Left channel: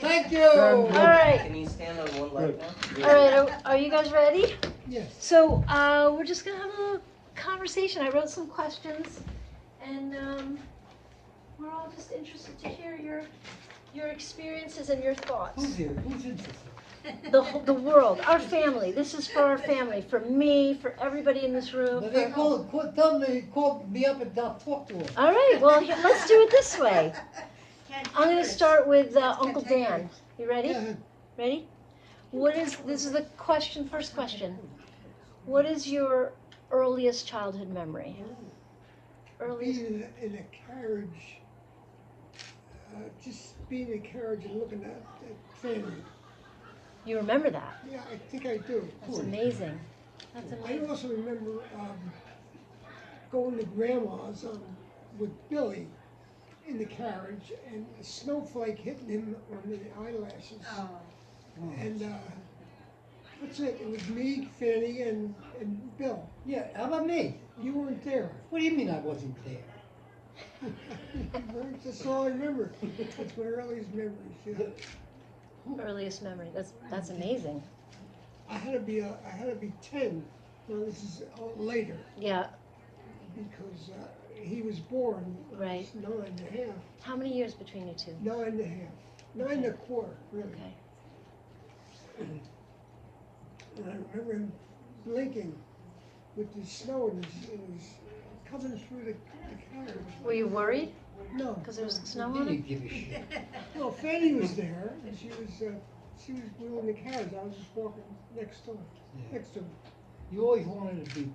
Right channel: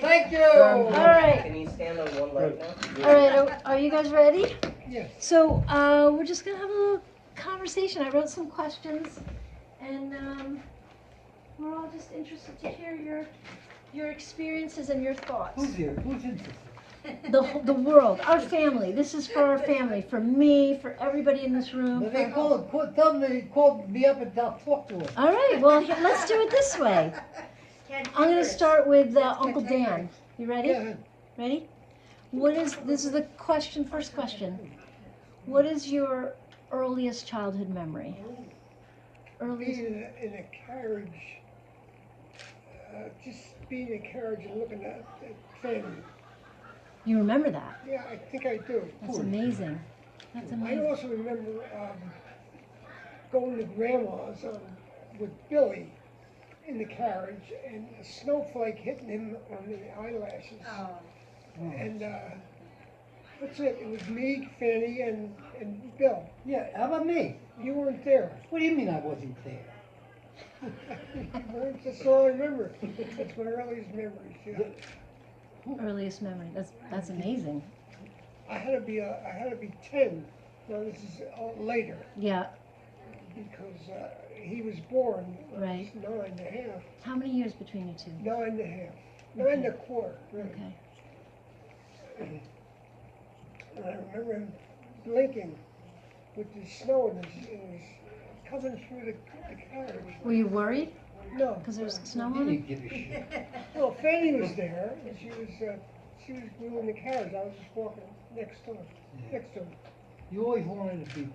Thank you. All right. Can you stand on one leg now? All right, are you guys ready? Yes. So we're just gonna have a little conversation. I wrote some questions, and we're all just interested to hear your experiences and your thoughts. Who's here? Who's interested? The world, our family. This is for our family, for me, for everybody in this room. They tell them they called me up and they'll talk to them. All right, well, let's do it this way. I'm going to start with Uncle Dan. You ready? Ready? This is the question, first question. What is your earliest childhood memory? Earliest? Being in a carriage, just being in a carriage and looking at family. You remember that? Yeah, I think I do. That's amazing. That's I amazing. also remember going to Grandma's with Billy in the carriage and a snowflake hitting him on the eyelashes. Oh. And that's it. It was me, Fanny, and Bill. Yeah, how about me? You weren't there. What do you mean I wasn't there? That's all I remember. That's my earliest memories. Yeah. Earliest memory. That's amazing. I had to be 10. Now this is later Yeah. because he was born. I was Right. 9 and a half. How many years between you two? 9 and a half. 9 and a quarter, really. Okay. And I remember him blinking with the snow and it was coming through the carriage. Were you worried No, because there was snow He on didn't it? give a shit. no, Fanny was there. And she was wheeling the carriage. I was just walking next to him. Yeah. Next to him. You always wanted to be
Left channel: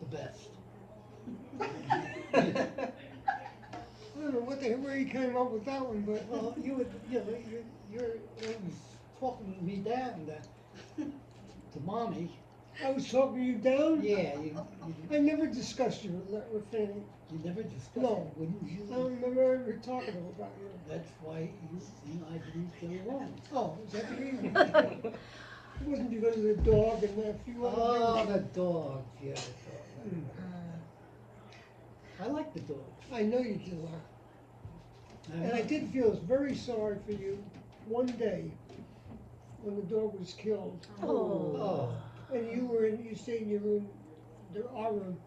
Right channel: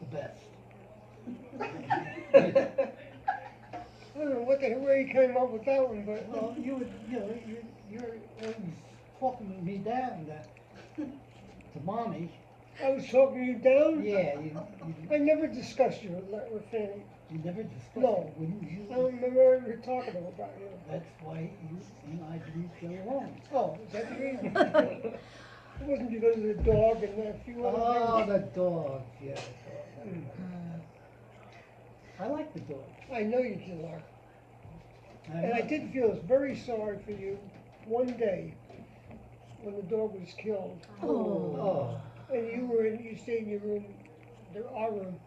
the best. I don't know where he came up with that one, but Well, you would, you're always talking me down to mommy. I was talking you down. Yeah, I never discussed you with Fanny. you never discussed No. it, wouldn't you? I don't remember ever talking about you. That's why you and I didn't get along. Oh, is that the reason? It wasn't because of the dog and a few other Oh, things. the dog, yeah, the dog. I like the dog. I know you did, Lark. And I did feel very sorry for you one day when the dog was killed. Oh, And you stayed in your room, our room,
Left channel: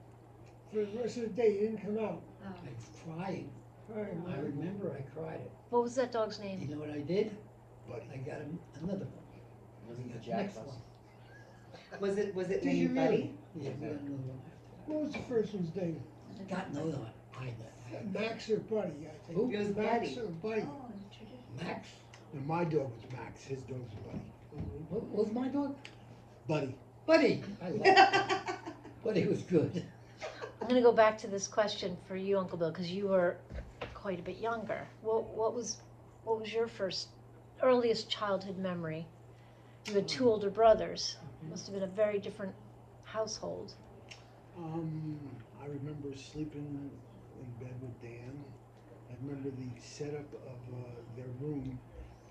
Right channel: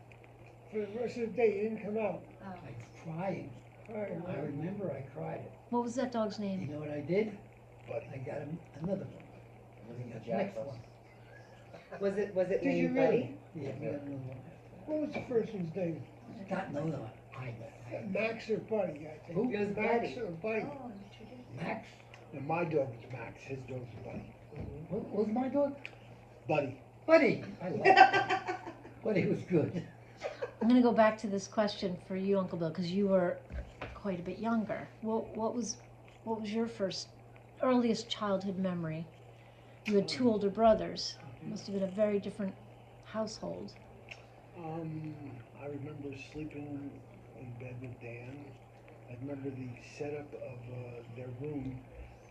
for the rest of the day. You didn't come out. I cried. I remember I cried it. What was that dog's You name? know what I did? But I got another one. Next one. Was it Did you named really? Buddy? Yeah, we got another one. What was the first one's name? Got no, no, I Max or Buddy, I think. Who? It was Max Buddy. or Buddy. Max. And my dog was Max, his dog was Buddy. What was my dog? Buddy. Buddy. I liked it. Buddy was good. I'm going to go back to this question for you, Uncle Bill, because you were quite a bit younger. What was your earliest childhood memory? You had two older brothers. Must have been a very different household. I remember sleeping in bed with Dan. I remember the setup of their room.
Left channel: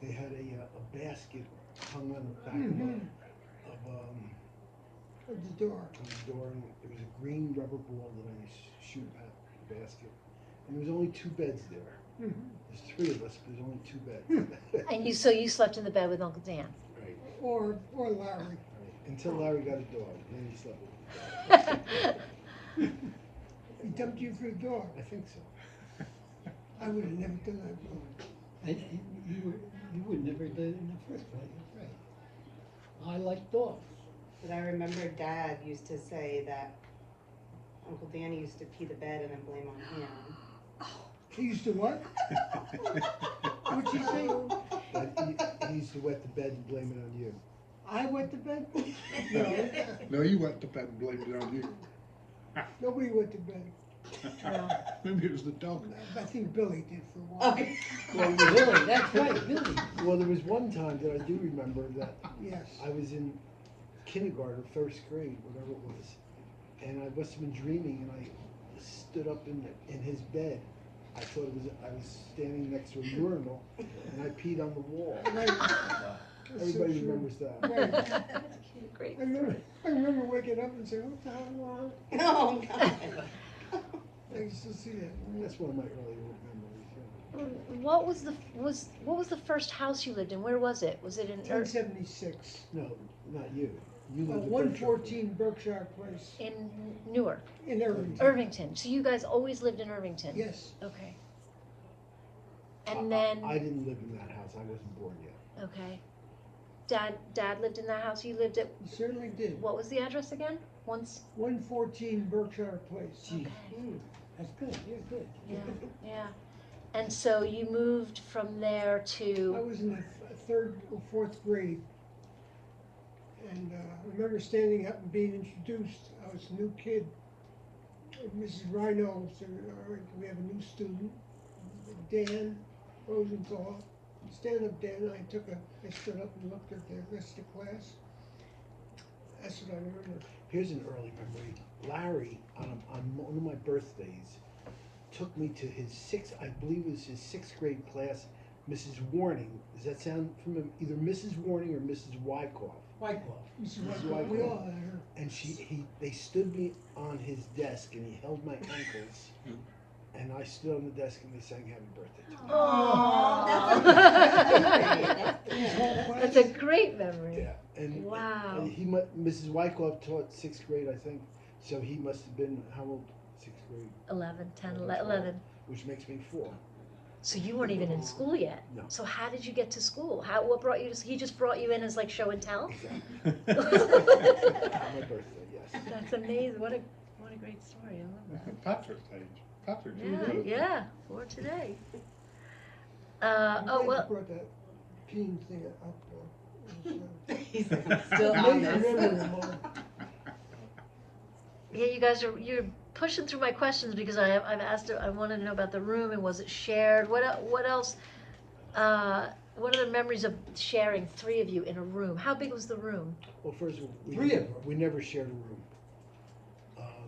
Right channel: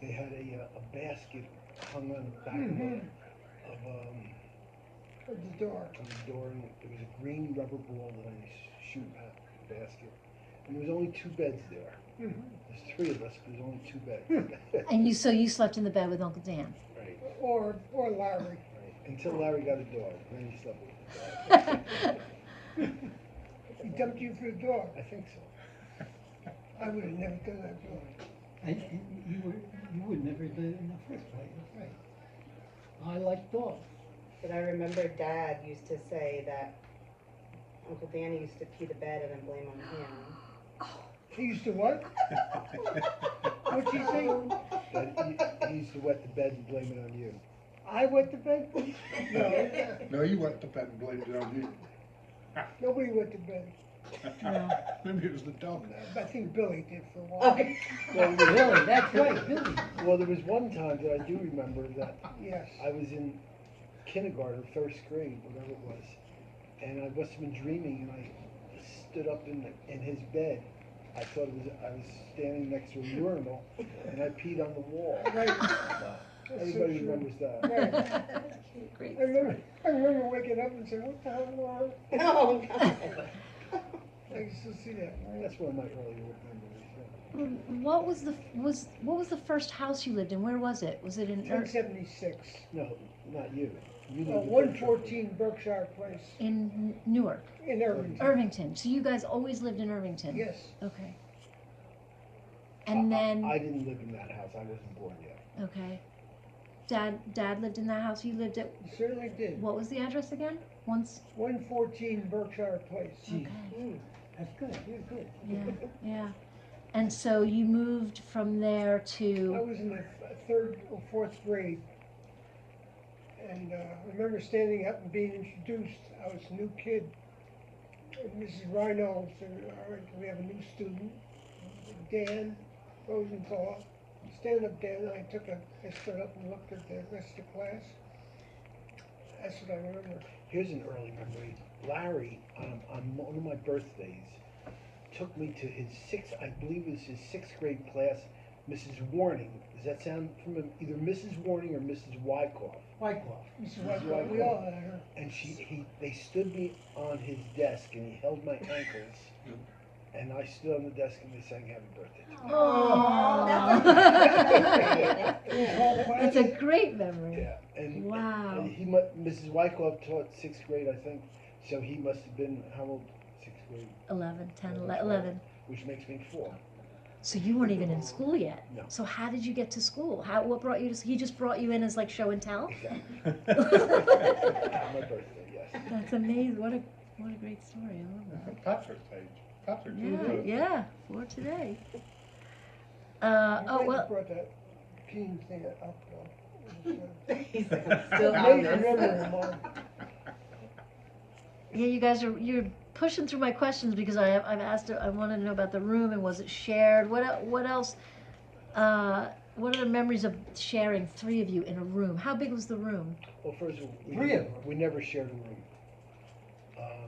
They had a basket hung on the back At the door. of the door, and there was a green rubber ball that I used to shoot at the basket. And there was only 2 beds there. There's 3 of us, but there's only 2 beds. And so you slept in the bed with Uncle Dan. Right, Or Larry. right. Until Larry got a dog, then he slept with the dog. He dumped you for the dog. I think so. I would have never done that, Bill. And you would never do it in the first place. That's right. I like dogs. But I remember Dad used to say that Uncle Danny used to pee the bed and then blame on him. He used to what? What'd she say? That he used to wet the bed and blame it on you. I wet the bed? No, No, you went to bed and blamed it on you. nobody wet the bed. Maybe it was the dog. I think Billy did for a while. Well, Billy, that's right, Billy. well, there was one time that I do remember that Yes. I was in kindergarten, or 1st grade, whatever it was, and I must have been dreaming, and I stood up in his bed. I thought I was standing next to a urinal, and I peed on the wall. Right. That's Everybody so true. remembers that. Right. Great. I remember waking up and saying, what the hell going on? Oh, God. I used to see that. That's one of my early memories. Yeah. what was the first house you lived in? Where was it? Was it in 1076. No, not you. You lived at 114 Berkshire Place in Newark, in Irvington. Irvington? So you guys always lived in Irvington? Yes. Okay. And then I didn't live in that house. I wasn't born yet. okay. Dad lived in that house. You lived at He certainly did. what was the address again? Once. 114 Berkshire Place. Gee, Mm. that's good, you're good. Yeah. Yeah. And so you moved from there I to was in the third or fourth grade. And I remember standing up and being introduced. I was a new kid. And Mrs. Rhino said, all right, we have a new student, Dan Rosenthal. Stand up, Dan. I stood up and looked at the rest of the class. That's what I remember. Here's an early memory. Larry, on one of my birthdays, took me to his I believe it was his sixth grade class, Mrs. Warning. Does that sound familiar? Either Mrs. Warning or Mrs. Wyckoff. Wyckoff. Mrs. Mrs. Wyckoff, we all had her. And they stood me on his desk and he held my ankles. And I stood on the desk and they sang Happy Birthday to me. That's a great memory. Yeah, and Wow. and Mrs. Wyckoff taught sixth grade, I think, so he must have been, how old? Sixth grade, 11, 10, 11. which makes me 4. So you weren't even in school yet. No. So how did you get to school? What brought you to? He just brought you in as like show and tell. Exactly. On my birthday, yes. That's amazing. What a great story. I love that. Patrick's age. Patrick, Yeah, for today. I'm Oh glad well. you brought that peen thing up. It was, He's still on amazing this. memory of mine. Yeah, you're pushing through my questions because I've asked. I wanted to know about the room and was it shared? What else? What other memories of sharing 3 of you in a room? How big was the room? Well, first of all, Three of them. we never shared a room.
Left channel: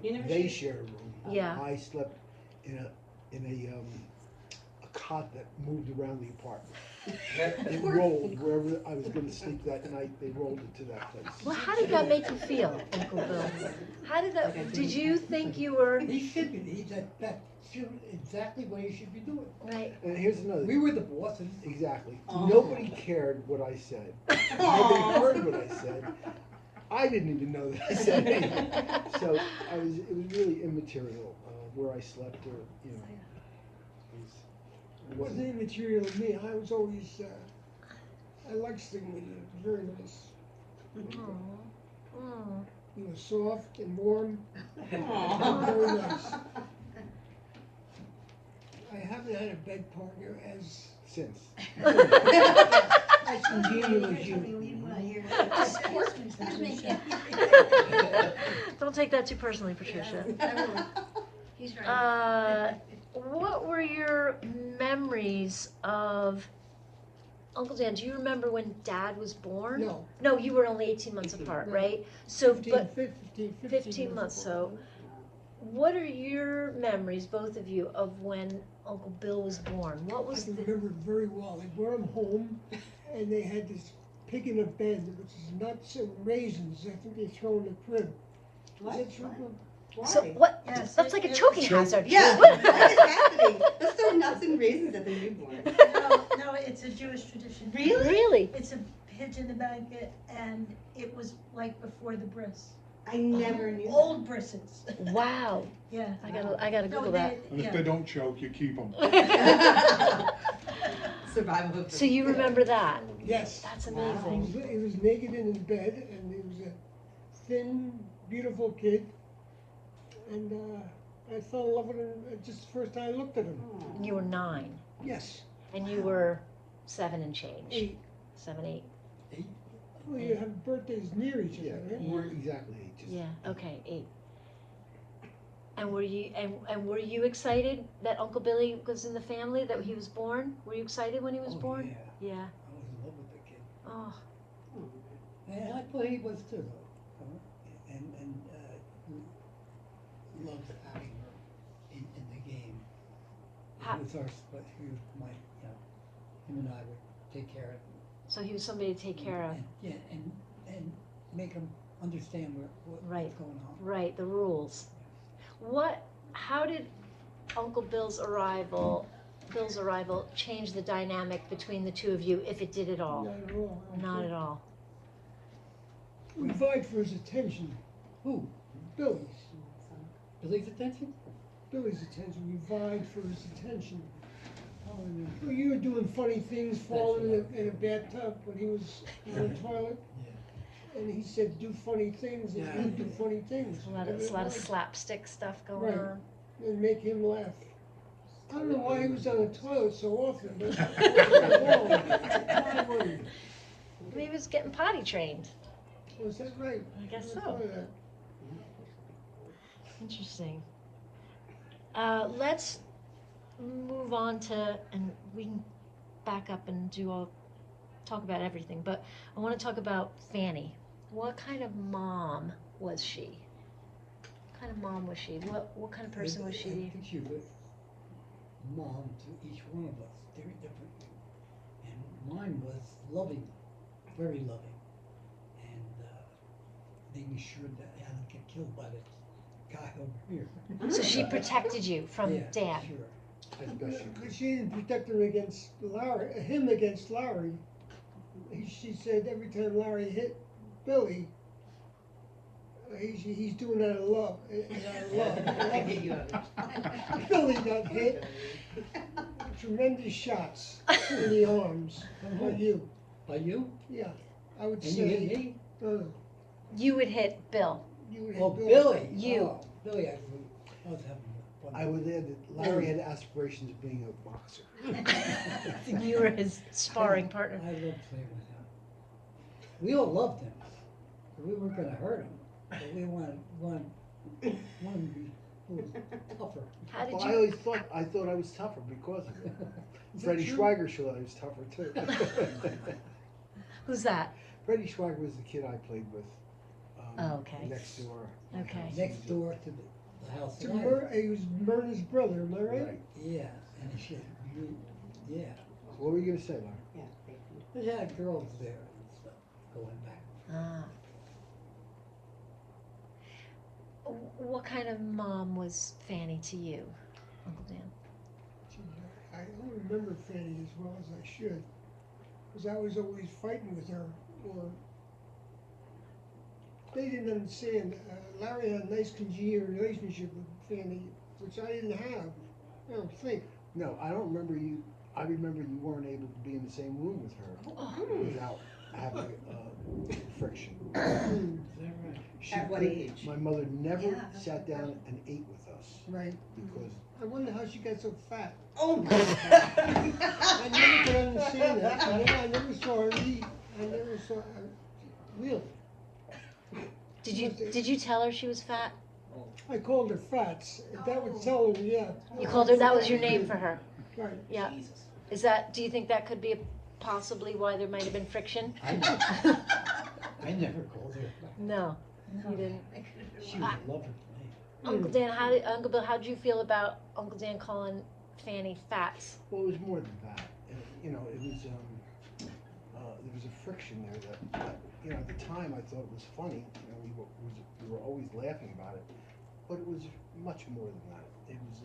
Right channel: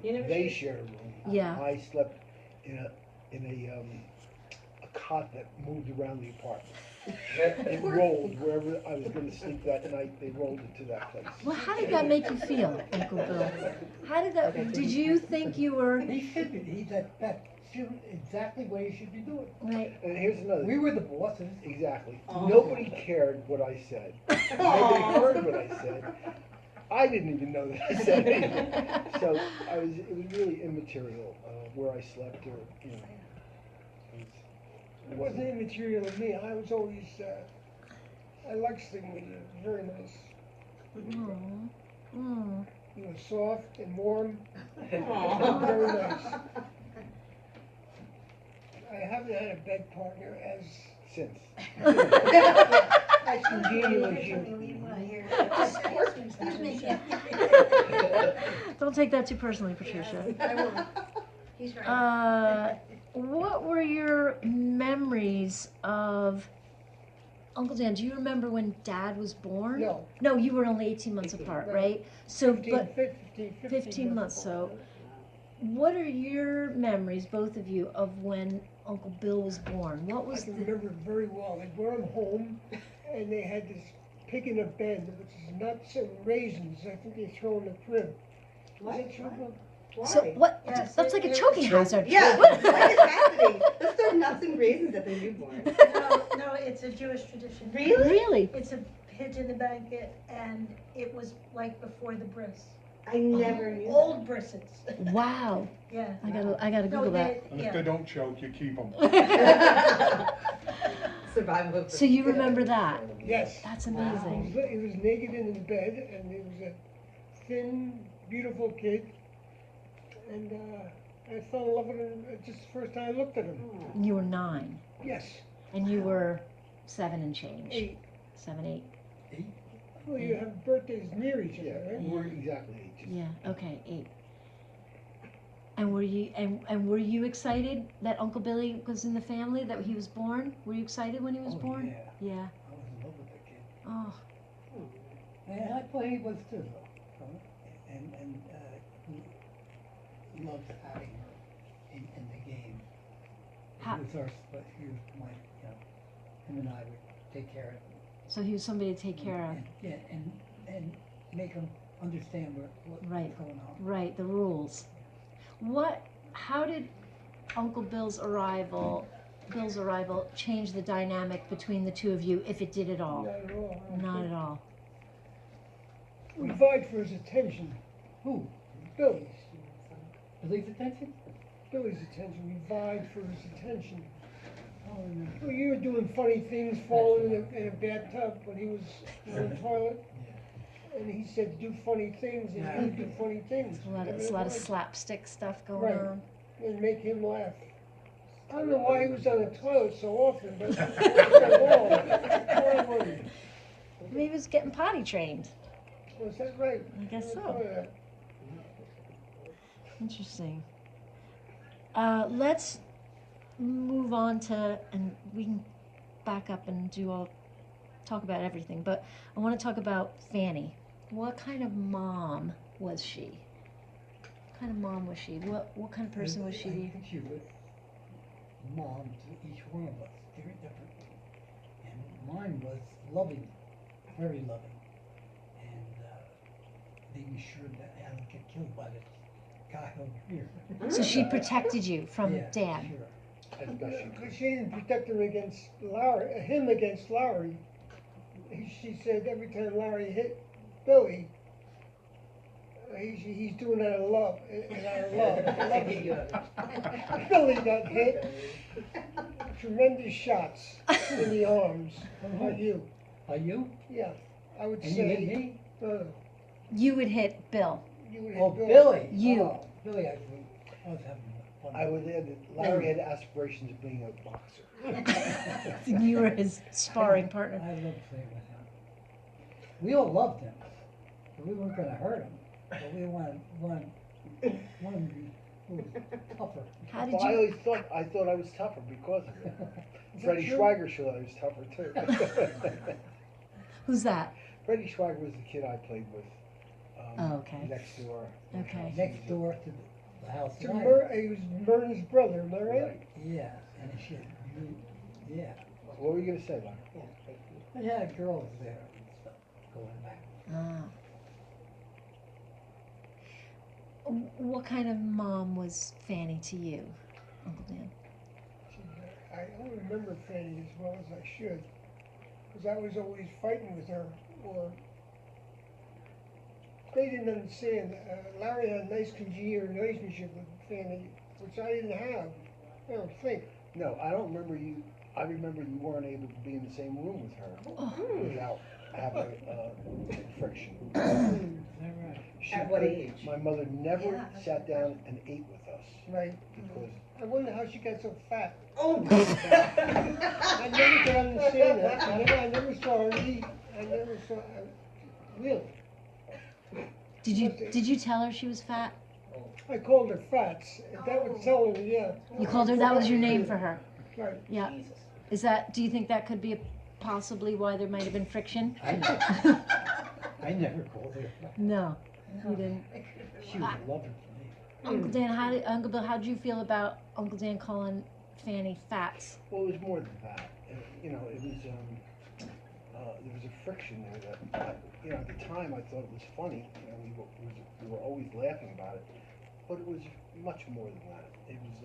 You never They shared- shared a room. Yeah. I slept in a cot that moved around the apartment. It rolled wherever I was going to sleep that night. They rolled it to that place. Well, how did that make you feel, Uncle Bill? How did that? Did you think you were He should be, that's exactly what he should be doing. right? And here's another. We were the bosses. Exactly. Oh. Nobody cared what I said. Nobody heard what I said. I didn't even know that I said anything. So it was really immaterial where I slept or, you know. It wasn't immaterial to me. I was always, I liked sleeping with you. Very nice. Oh. You were soft and warm. Aw. Very nice. I haven't had a bed partner as Since. as congenial as you. Don't take that too personally, Patricia. I won't. He's right. What were your memories of Uncle Dan? Do you remember when Dad was born? No. No, you were only 18 months 18, apart, right. right? So, 15 15 months, so what are your memories, both of you, of when Uncle Bill was born? What I was can the... remember it very well. They brought him home, and they had this pig in a bed, which is nuts and raisins. I think they throw in the crib. What? Is that true? Why? So what? Yes, That's like a it choking was- hazard. Yeah, What? what is happening? Let's throw nuts and raisins at the newborn. No, it's a Jewish tradition. Really? Really? It's a pig in the blanket, and it was like before the bris. I never knew Old brisses. Wow. Yeah. I gotta No, Google that. And if yeah. they don't choke, you keep them. that. Survival of the So you remember that? Yes. That's Wow. amazing. He was naked in his bed, and he was a thin, beautiful kid. And I fell in love with him just the first time I looked at him. You were 9, Yes, and you were 7 and change. 8. 7, 8. Well, you have birthdays near each Yeah, other, right? we're exactly 8. Just, Yeah. Okay, 8. And were you excited that Uncle Billy was in the family, that he was born? Were you excited when he was Oh, born? yeah. Yeah. I was in love with the kid. Oh. And I thought he was too, though. And he loved having her in the game. How- He was our, but he was my, him and I would take care of him. So he was somebody to take care of. And, yeah, and make him understand what's Right. going on. Right, the rules. How did Uncle Bill's arrival Bill's arrival change the dynamic between the two of you, if it did at all? Not at all. Not at all. We vied for his attention. Who? Billy's. Billy's attention? Billy's attention. We vied for his attention. Oh, Well, you were doing funny things, falling in a bathtub when he was in the toilet. yeah. And he said, do funny things, and Yeah. you do funny things. A lot of slapstick stuff going Right. on. And make him laugh. I don't know why he was on the toilet so often, but Maybe he was getting potty trained. was that right? I guess never so. thought of that. Interesting. Let's move on to, and we can back up and talk about everything, but I want to talk about Fanny. What kind of mom was she? What kind of mom was she? What kind of person was she? I think she was mom to each one of us, very different. And mine was loving, very loving, and making sure that I didn't get killed by this guy over here. So she protected you from Yeah, Dan. Sure. As best you Because could. she didn't protect him against him against Larry. She said every time Larry hit Billy, he's doing it out of love. Billy got hit. Tremendous shots in the arms. On you. Are you? Yeah, I would And say. you hit me? No, You would hit Bill. you would hit Oh, Billy. Billy. You. Oh, Billy, I was having fun. I would add that Larry had aspirations of being a boxer. You were his sparring partner. I loved playing with him. We all loved him. We weren't gonna hurt him, but we wanted to be a little tougher. How did Well, I you? always thought I was tougher because of it. Is that Freddie true? Schweiger thought I was tougher too. Who's that? Freddie Schweiger was the kid I played with. Oh, okay. Next door. Okay. Next door to the house. To that I- He was Myrna's brother, am I right? Right. Yeah, and she, yeah, What were you gonna say, Larry? they had girls there and stuff going back. What kind of mom was Fanny to you, Uncle Dan? I don't remember Fanny as well as I should, because I was always fighting with her, or they didn't understand. Larry had a nice congenial relationship with Fanny, which I didn't have. I don't think. No, I don't remember you. I remember you weren't able to be in the same room with her without having friction. Is that right? She At what couldn't- age? My mother never Yeah. sat down and ate with us Right. because I wonder how she got so fat. Oh my God. I never could understand that. I never saw her eat. I never saw really. Did you tell her she was fat? I called her Fats. That would tell her, yeah. You called her. That was your name for her. Right. Yeah. Is that? Do you think that could be possibly why there might have been friction? I never called her. No, you didn't. She was lovely to me. Uncle Dan, Uncle Bill, how did you feel about Uncle Dan calling Fanny Fats? well, it was more than that. You know, it was there was a friction there that you know, at the time I thought it was funny. You know, we were always laughing about it, but it was much more than that. It was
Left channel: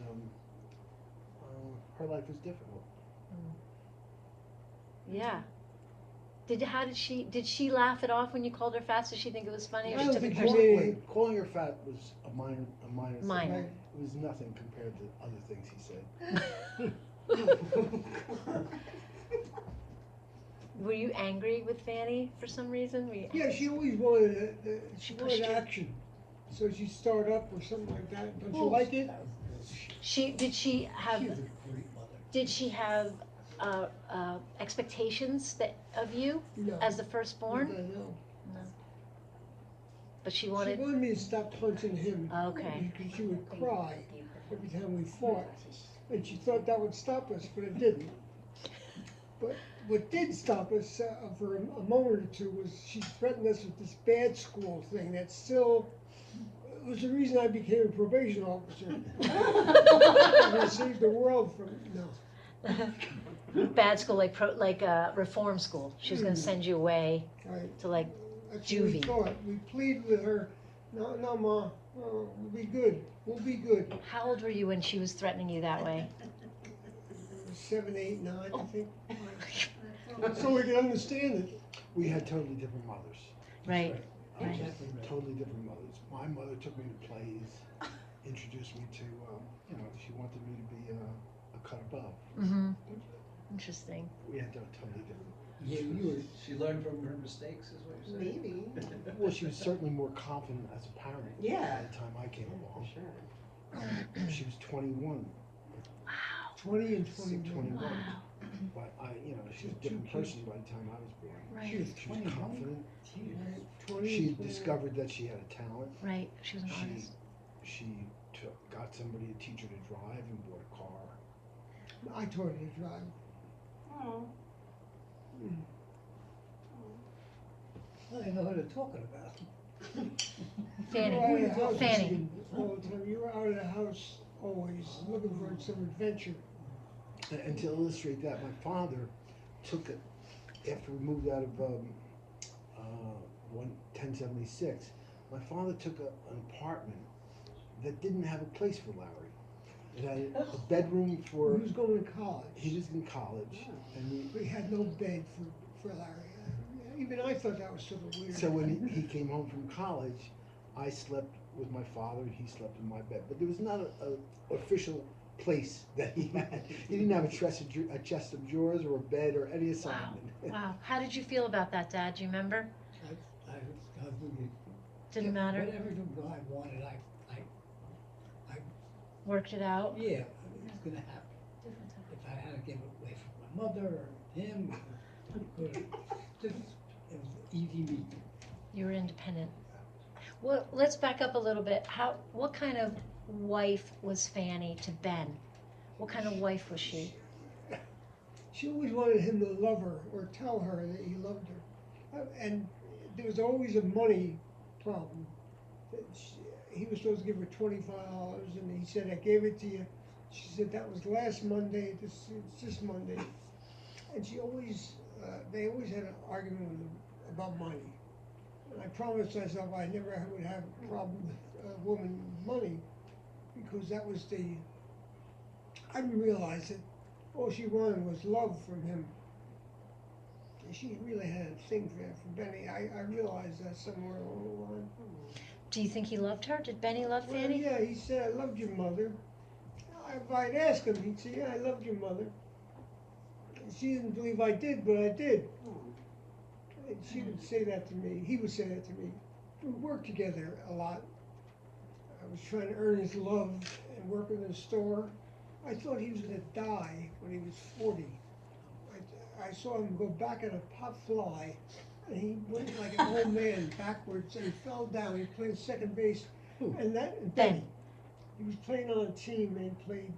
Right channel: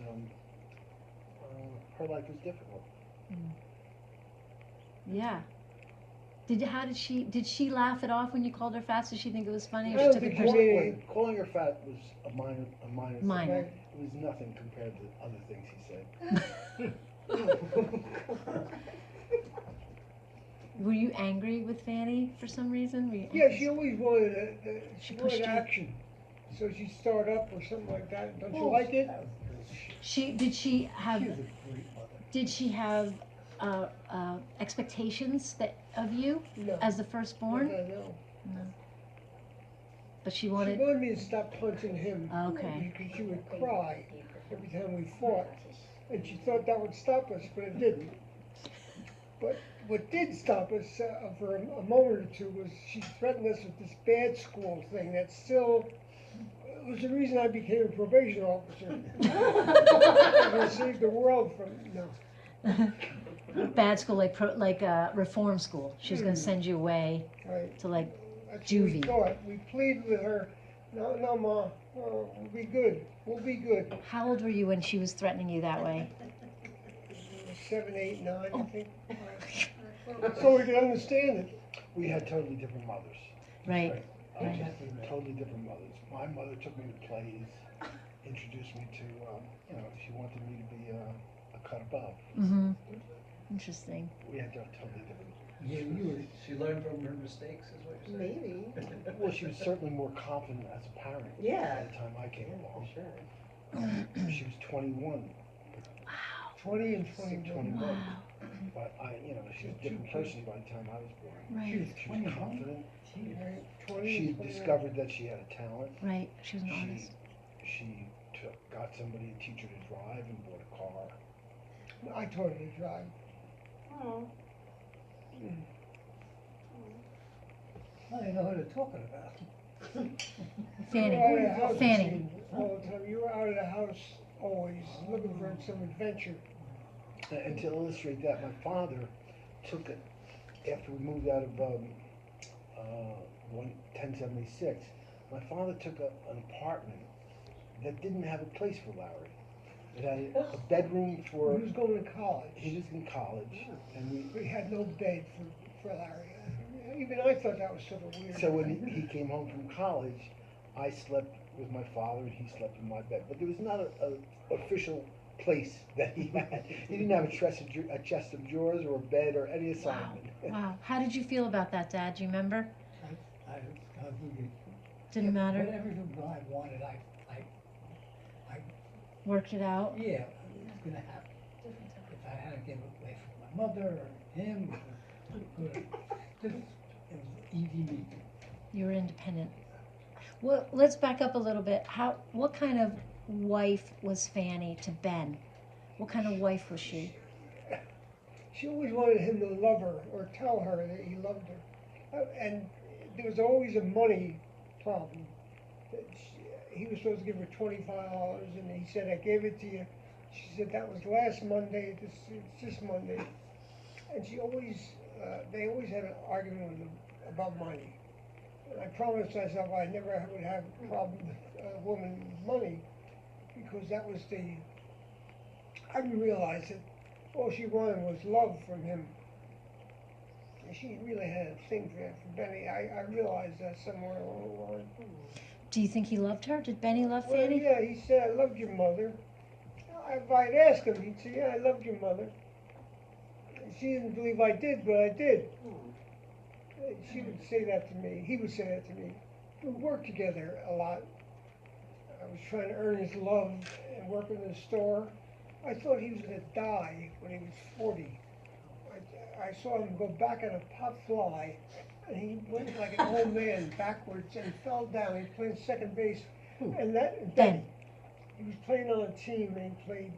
her life was difficult. Yeah. Did she laugh it off when you called her fat? Did she think it was funny, or I she don't took it think she personally? made Wait, calling her fat was a minor thing. Minor. Right. It was nothing compared to other things he said. Were you angry with Fanny for some reason? Were you Yeah, she always wanted She she pushed wanted you. action. So she'd start up or something like that. Don't you Oh, like it? that was good. Did she have She was a great mother. did she have expectations of you No. as the firstborn? I know. But she She wanted. wanted me to stop punching him. Okay. Because she would cry every time we fought. And she thought that would stop us, but it didn't. But what did stop us for a moment or two was she threatened us with this bad school thing that still it was the reason I became a probation officer. I'm going to save the world from, no, Bad school, like reform school. She was going to send you away right. to like. That's what we Juvie. thought. We pleaded with her, no, Ma, we'll be good. We'll be good. How old were you when she was threatening you that way? 7, 8, 9, I think. So we could understand it. We had totally different mothers. Right. Right. Totally different mothers. My mother took me to plays, introduced me to, she wanted me to be a cut above. Mm-hmm. Interesting. We had totally different. Yeah, She learned from her mistakes, is what you're saying? Maybe. Well, she was certainly more confident as a parent. Yeah. By the time I came For along. sure. She was 21. 20 and 21. 21. But she was a different person by the time I was born. Right. She was She was 21. confident. Right, 20 She and had 21. discovered that she had a talent. Right. She was an She artist. got somebody to teach her to drive and bought a car. I taught her to drive. Oh. Well, I know what they're talking about. Fanny. You were out of the house Fanny. all the time. You were out of the house always, looking for some adventure. And to illustrate that, my father took it after we moved out of 1076. My father took an apartment that didn't have a place for Larry. It had a bedroom for. He was going to college. He was in college, and We had no bed for Larry. Even I thought that was sort of weird. so when he came home from college, I slept with my father and he slept in my bed. But there was not a official place that he had. He didn't have a chest of drawers or a bed or any assignment. Wow. How did you feel about that, Dad? Do you remember? I really Didn't matter. Whatever I wanted, I Worked it out. yeah, it was gonna happen. If I had to give away from my mother or him, it was easy meat. You were independent. Well, let's back up a little bit. What kind of wife was Fanny to Ben? What kind of wife was she? She always wanted him to love her or tell her that he loved her. And there was always a money problem. He was supposed to give her $25, and he said, I gave it to you. She said, that was last Monday, it's this Monday. And she always, they always had an argument about money. And I promised myself I never would have a problem with a woman with money, because that was I didn't realize that all she wanted was love from him. And she really had a thing for Benny. I realized that somewhere along the line. Do you think he loved her? Did Benny love Well, Fanny? yeah, he said, I loved your mother. If I'd ask him, he'd say, yeah, I loved your mother. She didn't believe I did, but I did. She would say that to me. He would say that to me. We worked together a lot. I was trying to earn his love and work in the store. I thought he was going to die when he was 40. I saw him go back at a pop fly, and he went like an old man backwards, and he fell down. He played second base, and Ben. he was playing on a team, and he played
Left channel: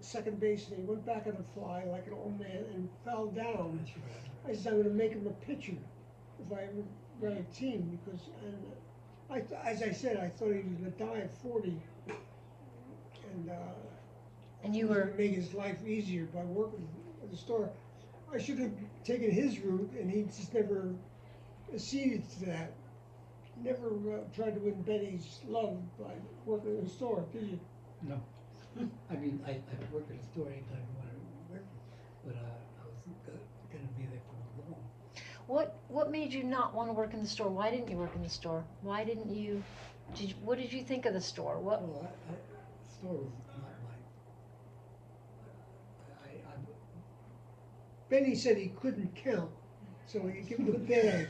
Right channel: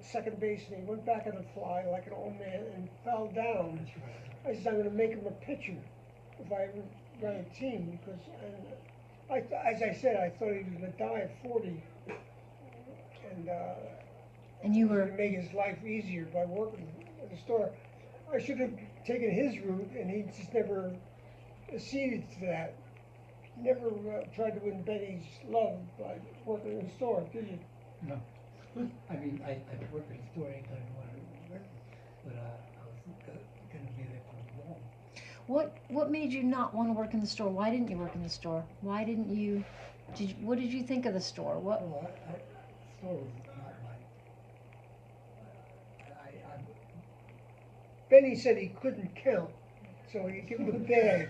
second base, and he went back on a fly like an old man and fell down. That's right. I said, I'm going to make him a pitcher if I ever run a team, because, as I said, I thought he was going to die at 40, And you was were going to make his life easier by working at the store. I should have taken his route, and he just never acceded to that. Never tried to win Benny's love by working in the store, did you? No. I mean, I work at a store anytime I wanted to work, but I was gonna be there for long. what made you not want to work in the store? Why didn't you work in the store? Why didn't you? What did you think of the store? What? Well, the store was not mine. Benny said he couldn't count, so you give him a bag.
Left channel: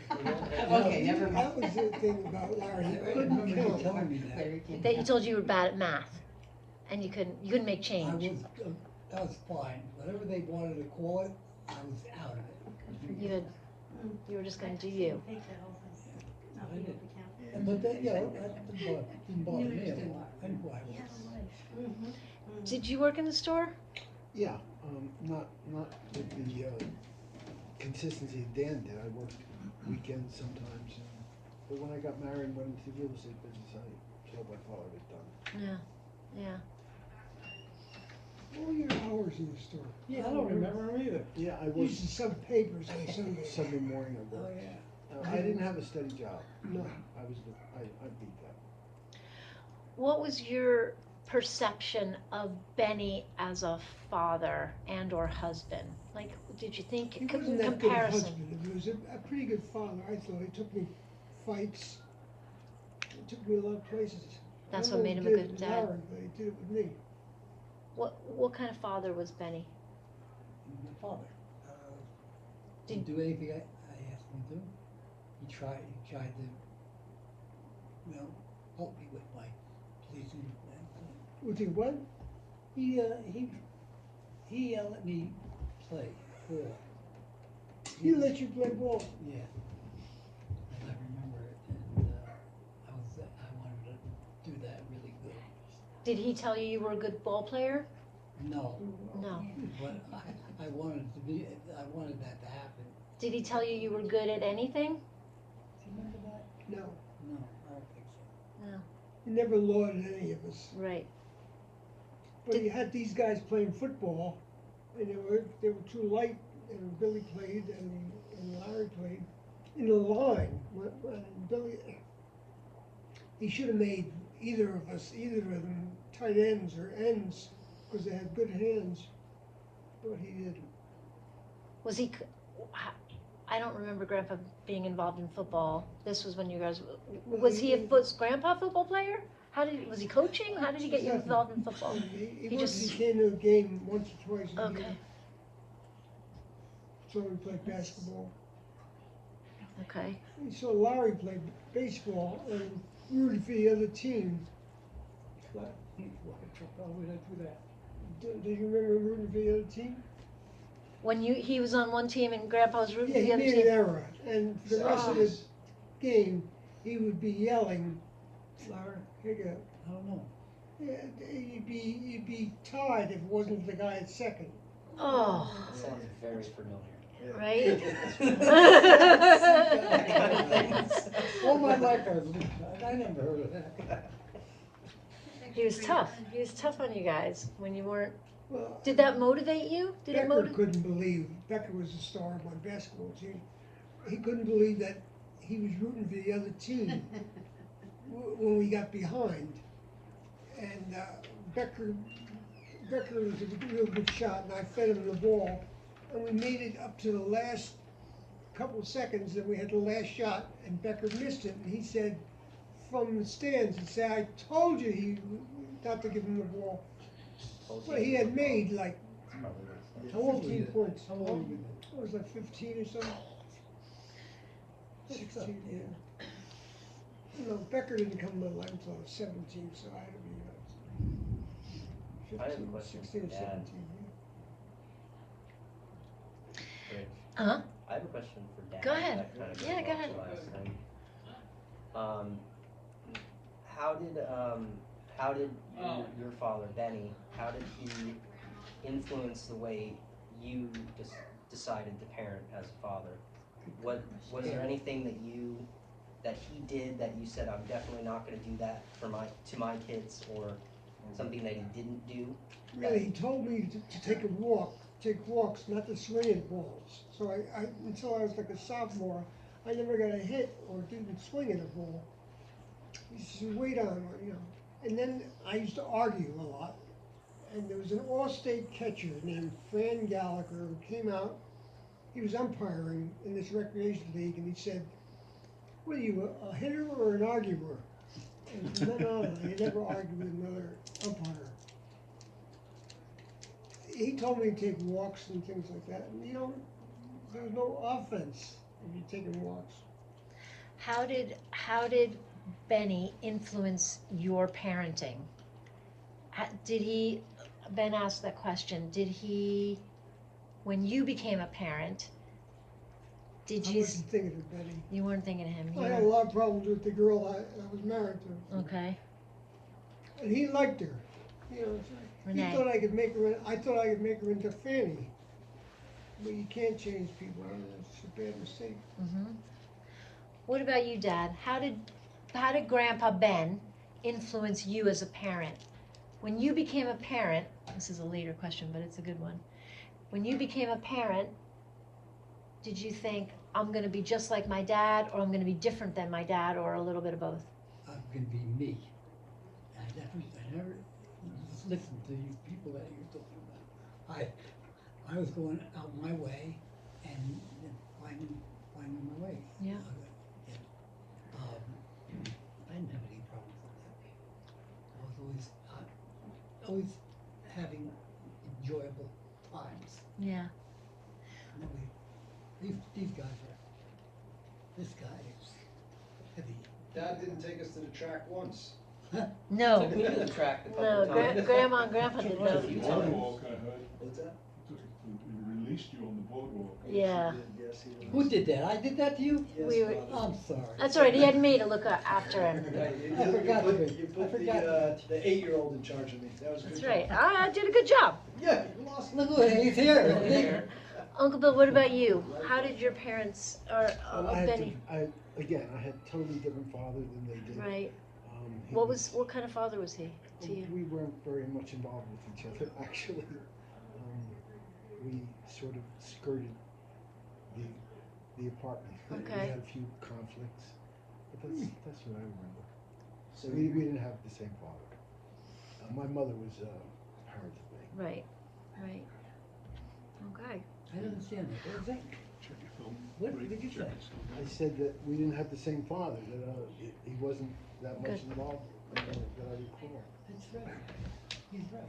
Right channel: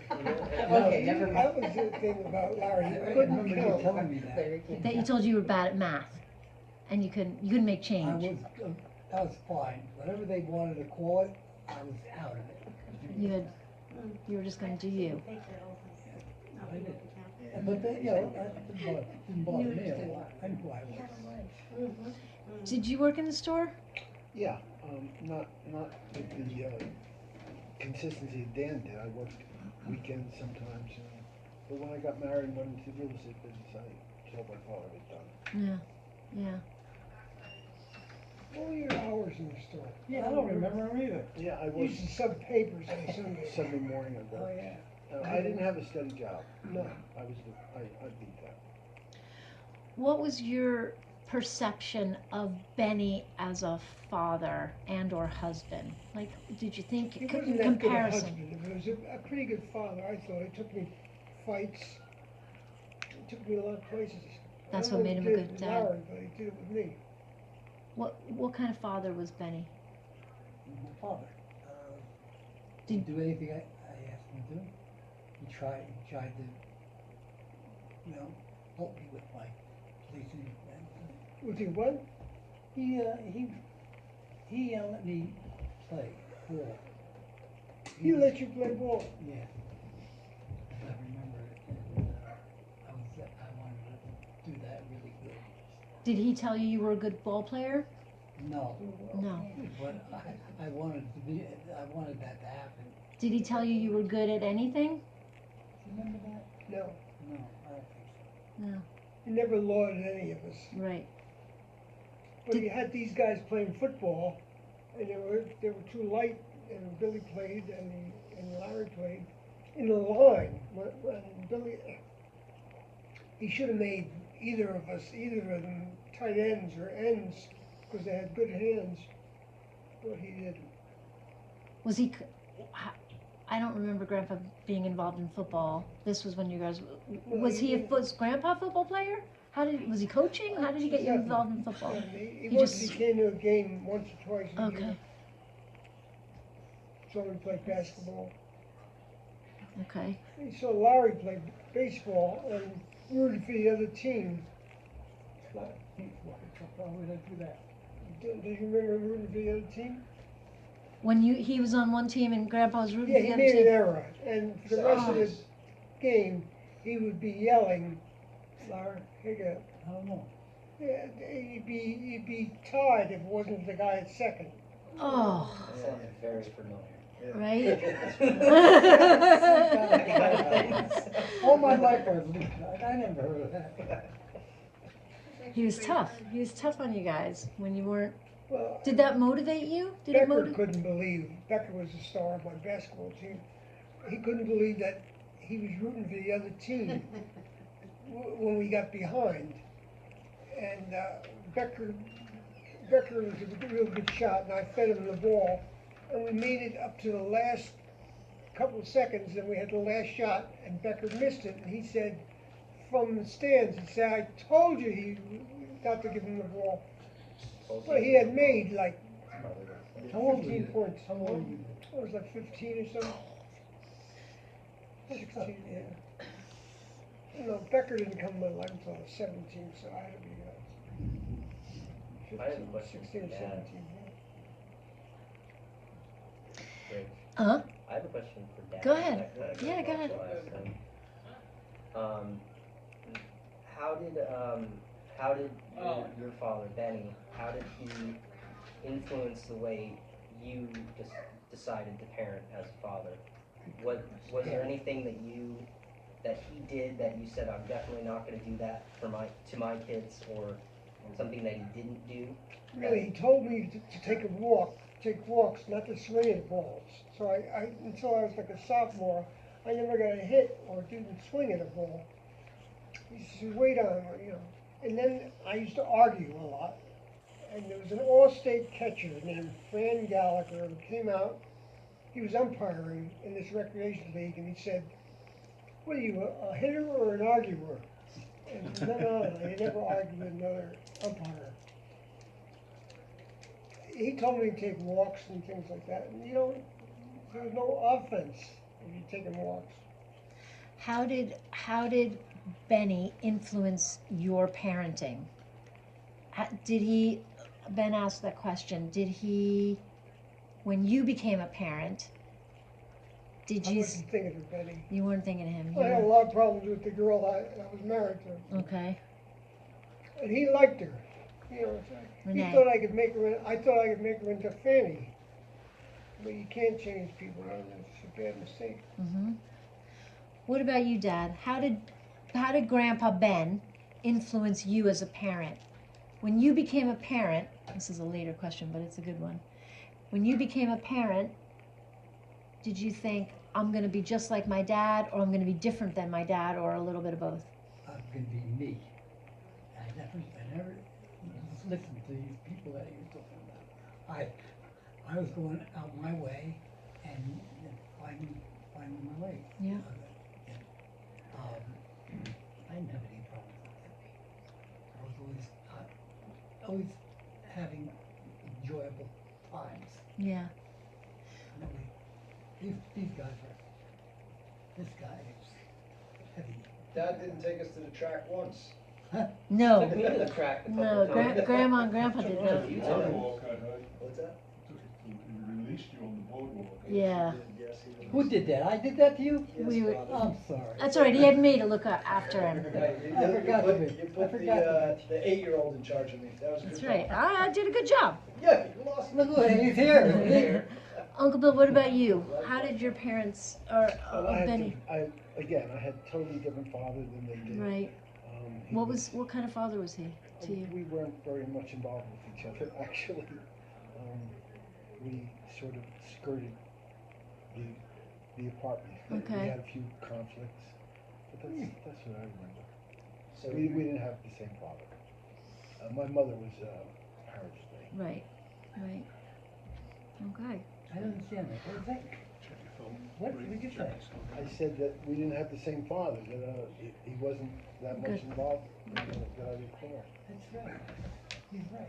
Okay, never mind. That was the thing about Larry, he I couldn't remember you count. telling me that. That you told you were bad at math, and you couldn't make change. That was fine. Whatever they wanted to call it, I was out of it. You were just going to do you. I did. But that, that didn't bother me a lot. I knew who I was. Did you work in the store? Yeah, not with the consistency Dan did. I worked weekends sometimes, but when I got married and went into the real estate business, I told my father it done. Yeah. What were your hours in the store? Yeah, I don't remember them either. Yeah, I You worked used to sub papers on Sunday. Sunday morning. I Oh, worked. yeah. I didn't have a steady job. No. I beat that. What was your perception of Benny as a father and or husband? Like, did you think He in wasn't that good a comparison? husband, he was a pretty good father, I thought. He took me fights, he took me a lot of places. That's I don't what know made if him he a did it good with dad. Larry, but he did it with me. What kind of father was Benny? My father, Did- didn't do anything I asked him to do. He tried to, help me with my policing and, With you what? he let me play ball. He let you play ball. Yeah. And I remember it, and, I wanted to do that really good. Did he tell you you were a good ball player? No. No. But I wanted that to happen. Did he tell you you were good at anything? Do you remember that? No, No, I don't think so. No. he never lauded any of us. Right. But you had these guys playing football, and they were too light, and Billy played, and Larry played, in the line. When Billy, he should have made either of them tight ends or ends, because they had good hands, but he didn't. Was he? I don't remember Grandpa being involved in football. This was when you guys. Was was Grandpa a football player? Was he coaching? How did he get you involved in football? He He mostly just- came to a game once or twice a year. Okay. So we played basketball. Okay. He saw Larry play baseball and rooted for the other team. But Why would I do that? do you remember rooting for the other team? When he was on one team and Grandpa was rooting Yeah, for he the other made an team. error, and for the rest of the game, he would be yelling, Larry, here you go. I don't know. Yeah, he'd be tied if it wasn't the guy at second. Oh, That sounds very familiar. right. All my life I never heard of that. He was tough. He was tough on you guys when you weren't. Well, Did that motivate you? Did it Becker motivate? couldn't believe, Becker was the star of my basketball team. He couldn't believe that he was rooting for the other team when we got behind. And Becker was a real good shot, and I fed him the ball. And we made it up to the last couple of seconds, and we had the last shot, and Becker missed it. And he said, from the stands, he said, I told you not to give him the ball. Well, he had made like How old were 15 you? points. How old were you? What was that, 15 or something? 16, yeah. No, Becker didn't come to my life until I was 17, so I had to be I have a 15, question 16 or for Dad. 17. Rich, Huh? I have a question for Dad. Go ahead. that kinda Yeah, goes go off ahead. the last thing. How did your father, Benny, how did he influence the way you decided to parent as a father? Was there anything that he did that you said, I'm definitely not gonna do that to my kids, or something that he didn't do? Really, he told me to take walks, not to swing at balls. So I until I was like a sophomore, I never got a hit or didn't swing at a ball. He said, wait on, And then I used to argue a lot. And there was an all-state catcher named Fran Gallagher who came out. He was umpiring in this recreation league, and he said, what are you, a hitter or an arguer? And no, I never argued with another umpire. He told me to take walks and things like that, and there's no offense if you're taking walks. How did Benny influence your parenting? Ben asked that question, when you became a parent, I wasn't thinking of Betty. You weren't thinking of him? I had a lot of problems with the girl I was married to. Okay. And he liked her. He Renee. thought I could make her. I thought I could make her into Fanny. But you can't change people. It's a bad mistake. Mm-hmm. What about you, Dad? How did Grandpa Ben influence you as a parent? When you became a parent, this is a later question, but it's a good one. When you became a parent, did you think, I'm going to be just like my dad, or I'm going to be different than my dad, or a little bit of both? I'm gonna be me. I never listen to these people that you're talking about. I was going out my way and finding the way. Yeah. I didn't have any problems with that. I was always having enjoyable times. Yeah. Nobody, these guys are, this guy is heavy. Dad didn't take us to the track once. No. Took me to the track a couple No, times. Grandma and Grandpa did A both. few times. Boardwalk, I heard. What's that? He released you on the boardwalk. Yeah. Yes, he did. Who did that? I did that to you? Yes, We were- Father. I'm sorry. That's all right. He had me to look after him. Right, I forgot to be- You I put forgot to the 8-year-old in charge of me. That was a That's good right. call. I did a good job. Yeah, you lost. Look, he's here. Uncle Bill, what about you? How did your parents, or Well, I had Benny? I had totally different father than they did. Right. He What kind of father was he to you? We weren't very much involved with each other, actually. We sort of skirted the apartment. Okay. We had a few conflicts, but that's what I remember. So We didn't have the same father. My mother was parents with me. Right. Right. Okay. I didn't understand that. What was that? What did you say? I said that we didn't have the same father, that he wasn't that much Good. involved that I recall. That's right. He's right.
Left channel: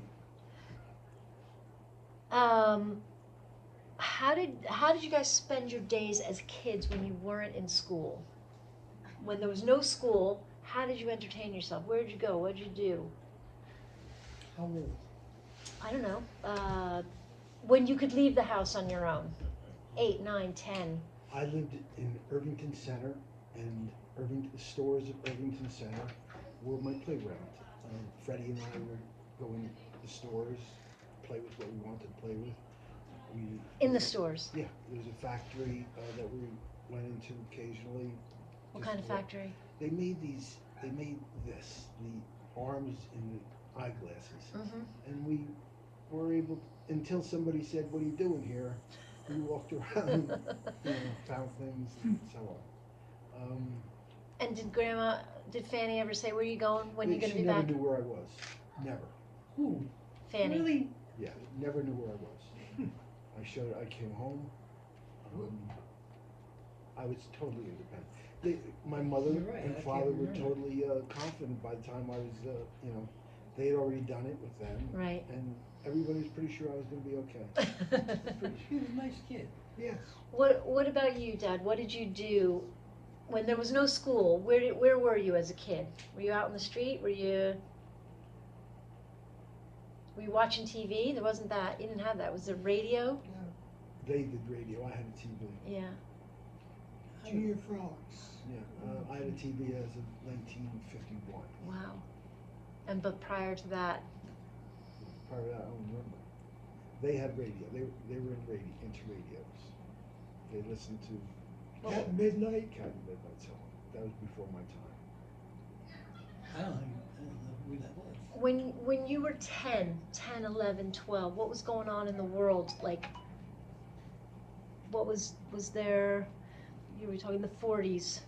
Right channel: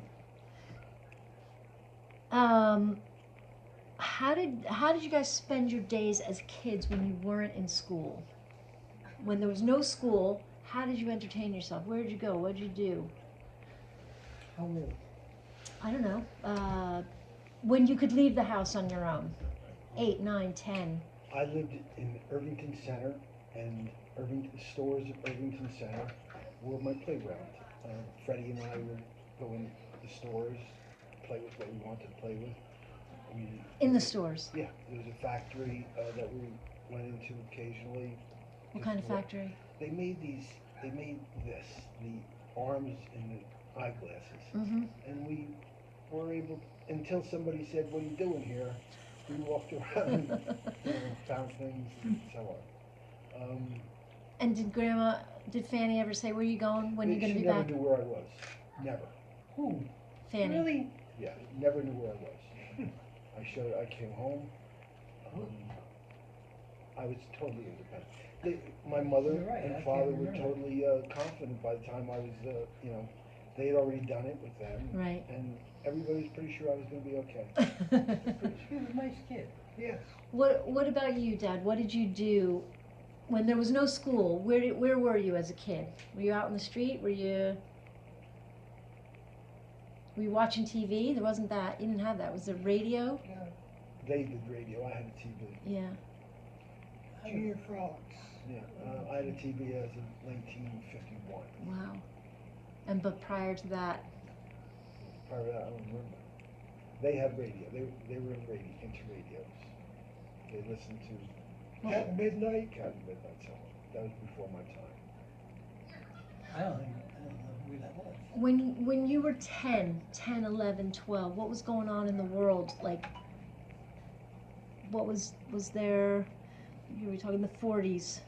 How did you guys spend your days as kids when you weren't in school? When there was no school, how did you entertain yourself? Where did you go? What did you do? How old? I don't know. When you could leave the house on your own, 8, 9, 10. I lived in Irvington Center, and stores at Irvington Center were my playground. Freddie and I would go in the stores, play with what we wanted to play with. In the stores. Yeah, there was a factory that we went into occasionally. What Just kind of factory? They made this, the arms and the eyeglasses. Mm-hmm. And we were able, until somebody said, "What are you doing here?" We walked around, found things and so on. And did Fanny ever say, where are you going? When are you going to She be never back? knew where I was. Never. Who? Fanny. Really? Yeah, never knew where I was. I came home. I was totally independent. My mother You're right, I and can't father were remember. totally confident by the time I was, they had already done it with them. Right. And everybody was pretty sure I was going to be okay. He was a nice kid. Yes. What about you, Dad? What did you do when there was no school? Where were you as a kid? Were you out in the street? Were you watching TV? There wasn't that. You didn't have that. Was there radio? They did radio. I had a TV. Yeah. Junior Frolics. Yeah, I had a TV as of 1951. Wow. But prior to that, Prior to that, I don't remember. They had radio. They were into radios. They listened to At midnight. Captain Midnight Song. That was before my time. I don't know who that was. when you were 10, 11, 12, what was going on in the world? Like, what was there? You were talking the 40s,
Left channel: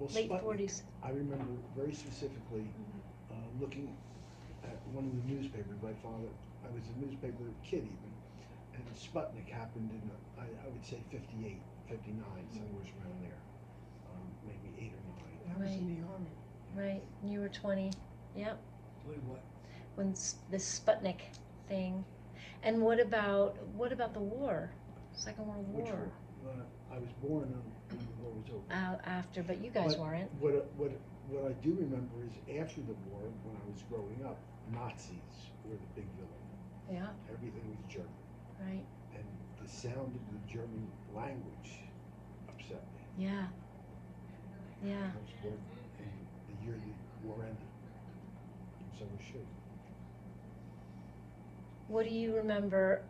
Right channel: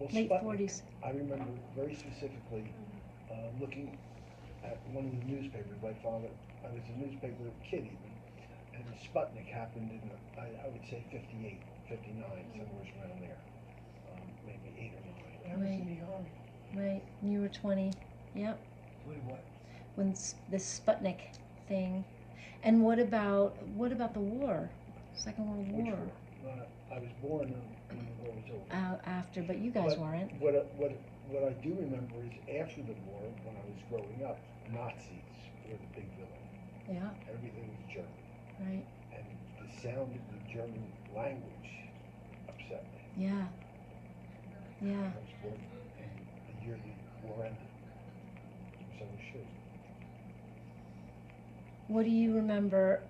Well, late Sputnik, 40s. I remember very specifically looking at one of the newspapers. My father, I was a newspaper kid even, and Sputnik happened in, I would say 58, 59, somewhere around there, maybe 8 or 9. I was in the army. Right, and you were 20. Yep. What? When this Sputnik thing, and what about the war, Second World Which War? I was born when the war was over. After, but you guys But weren't. What I do remember is after the war, when I was growing up, Nazis were the big villain. Yeah. Everything was German. Right. And the sound of the German language upset me. Yeah. Yeah. I was born in the year the war ended. So it should. What do you remember?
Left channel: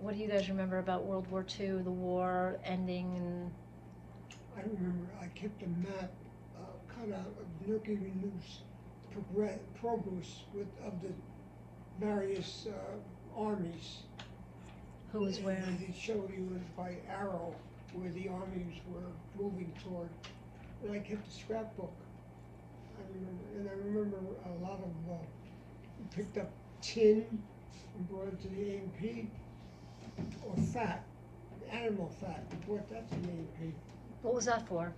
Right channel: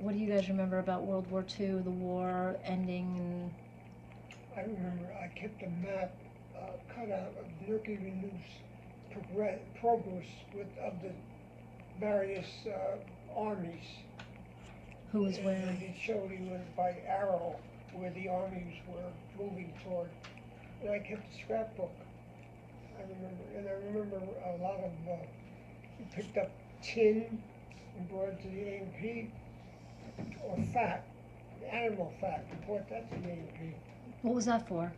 What do you guys remember about World War II, the war ending, and I remember I kept a map cut out of Mercury News progress of the various armies. who was where? And it showed he was by arrow where the armies were moving toward. And I kept a scrapbook. I remember a lot of picked up tin and brought it to the A&P, or fat, animal fat, we brought that to the A&P. What was that for?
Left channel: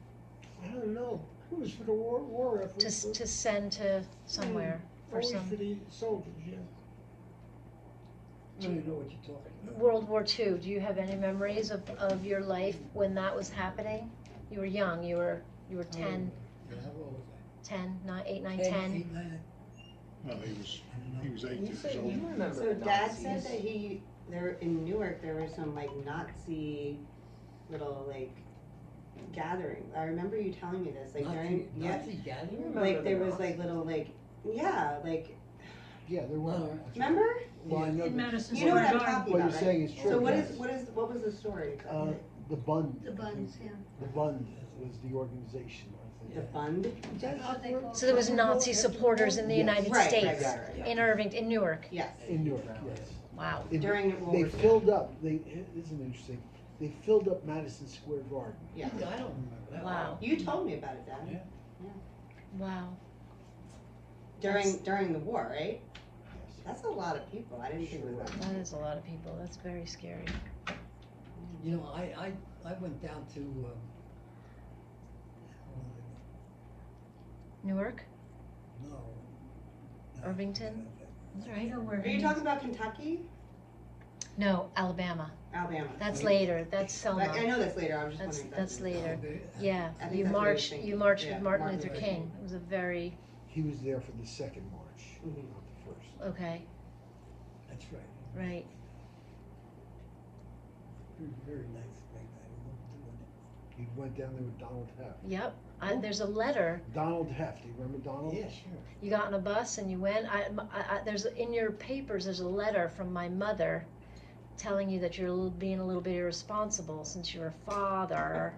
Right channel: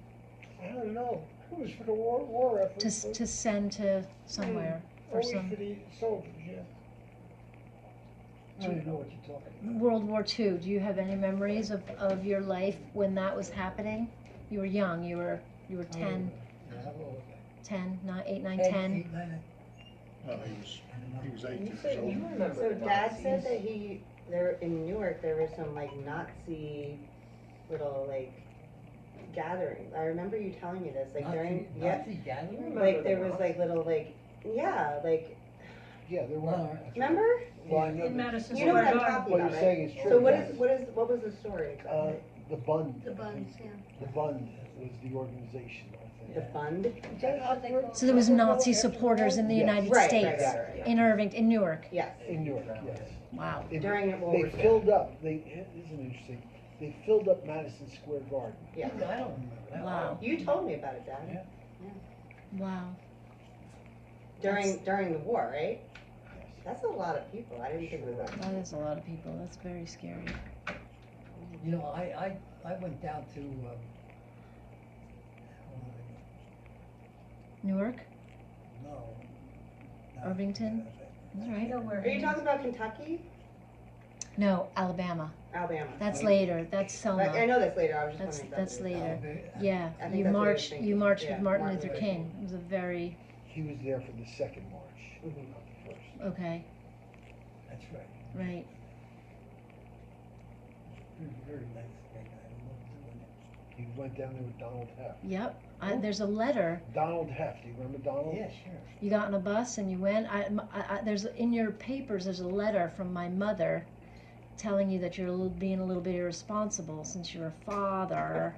I don't know, it was for the war effort. To send to somewhere for Always some for the soldiers, yeah. I don't even know what you're talking about. World War II. Do you have any memories of your life when that was happening? You were young. You were 10, Yeah, what was that? 10, 9, 8, 9, 10, 10. 8, 9. No, he was 8 years So old. so Dad said that there in Newark, there were some like Nazi little like gatherings. I remember you telling me this, like during, yeah, Nazi gathering? like there was like little like, yeah, like, Yeah, there were. Well, remember? Well, I know In that- Madison You know what Square I'm Garden. talking What about, you're right? saying is true. So yes. what was the story? The Bund. The buns, yeah. The Bund was the organization, I The think. fund? Is that operate- So there was Nazi supporters in the Yes. United Right, States, right. in Irving, in Newark. Yes. In Newark, yes. Wow. During World They War II. filled up, this is interesting, they filled up Madison Square Garden. Yeah. I don't remember that. Wow. You told me about it, Dad. Yeah. Wow. During the war, right? Yes. That's a lot of people. I didn't think it was that. That is a lot of people. That's very scary. You know, I went down to, Newark? no. Irvington? That's I right. know where Are you he- talking about Kentucky? No, Alabama. Alabama. That's Okay. later. That's But I Selma. know that's later. I was just That's wondering. if later. Uh, Yeah, I think you that's what I was marched. thinking. You marched Yeah, with Martin Martin Luther Luther King. It was a very He was there for the second march, Mhm. not the first. okay. That's right. Right. Very nice. Very nice. I loved doing it. He went down there with Donald Heft. Yep. There's a letter Donald Heft, do you remember Donald? Yeah, sure. you got on a bus and you went. There's in your papers. There's a letter from my mother, telling you that you're being a little bit irresponsible since you're a father,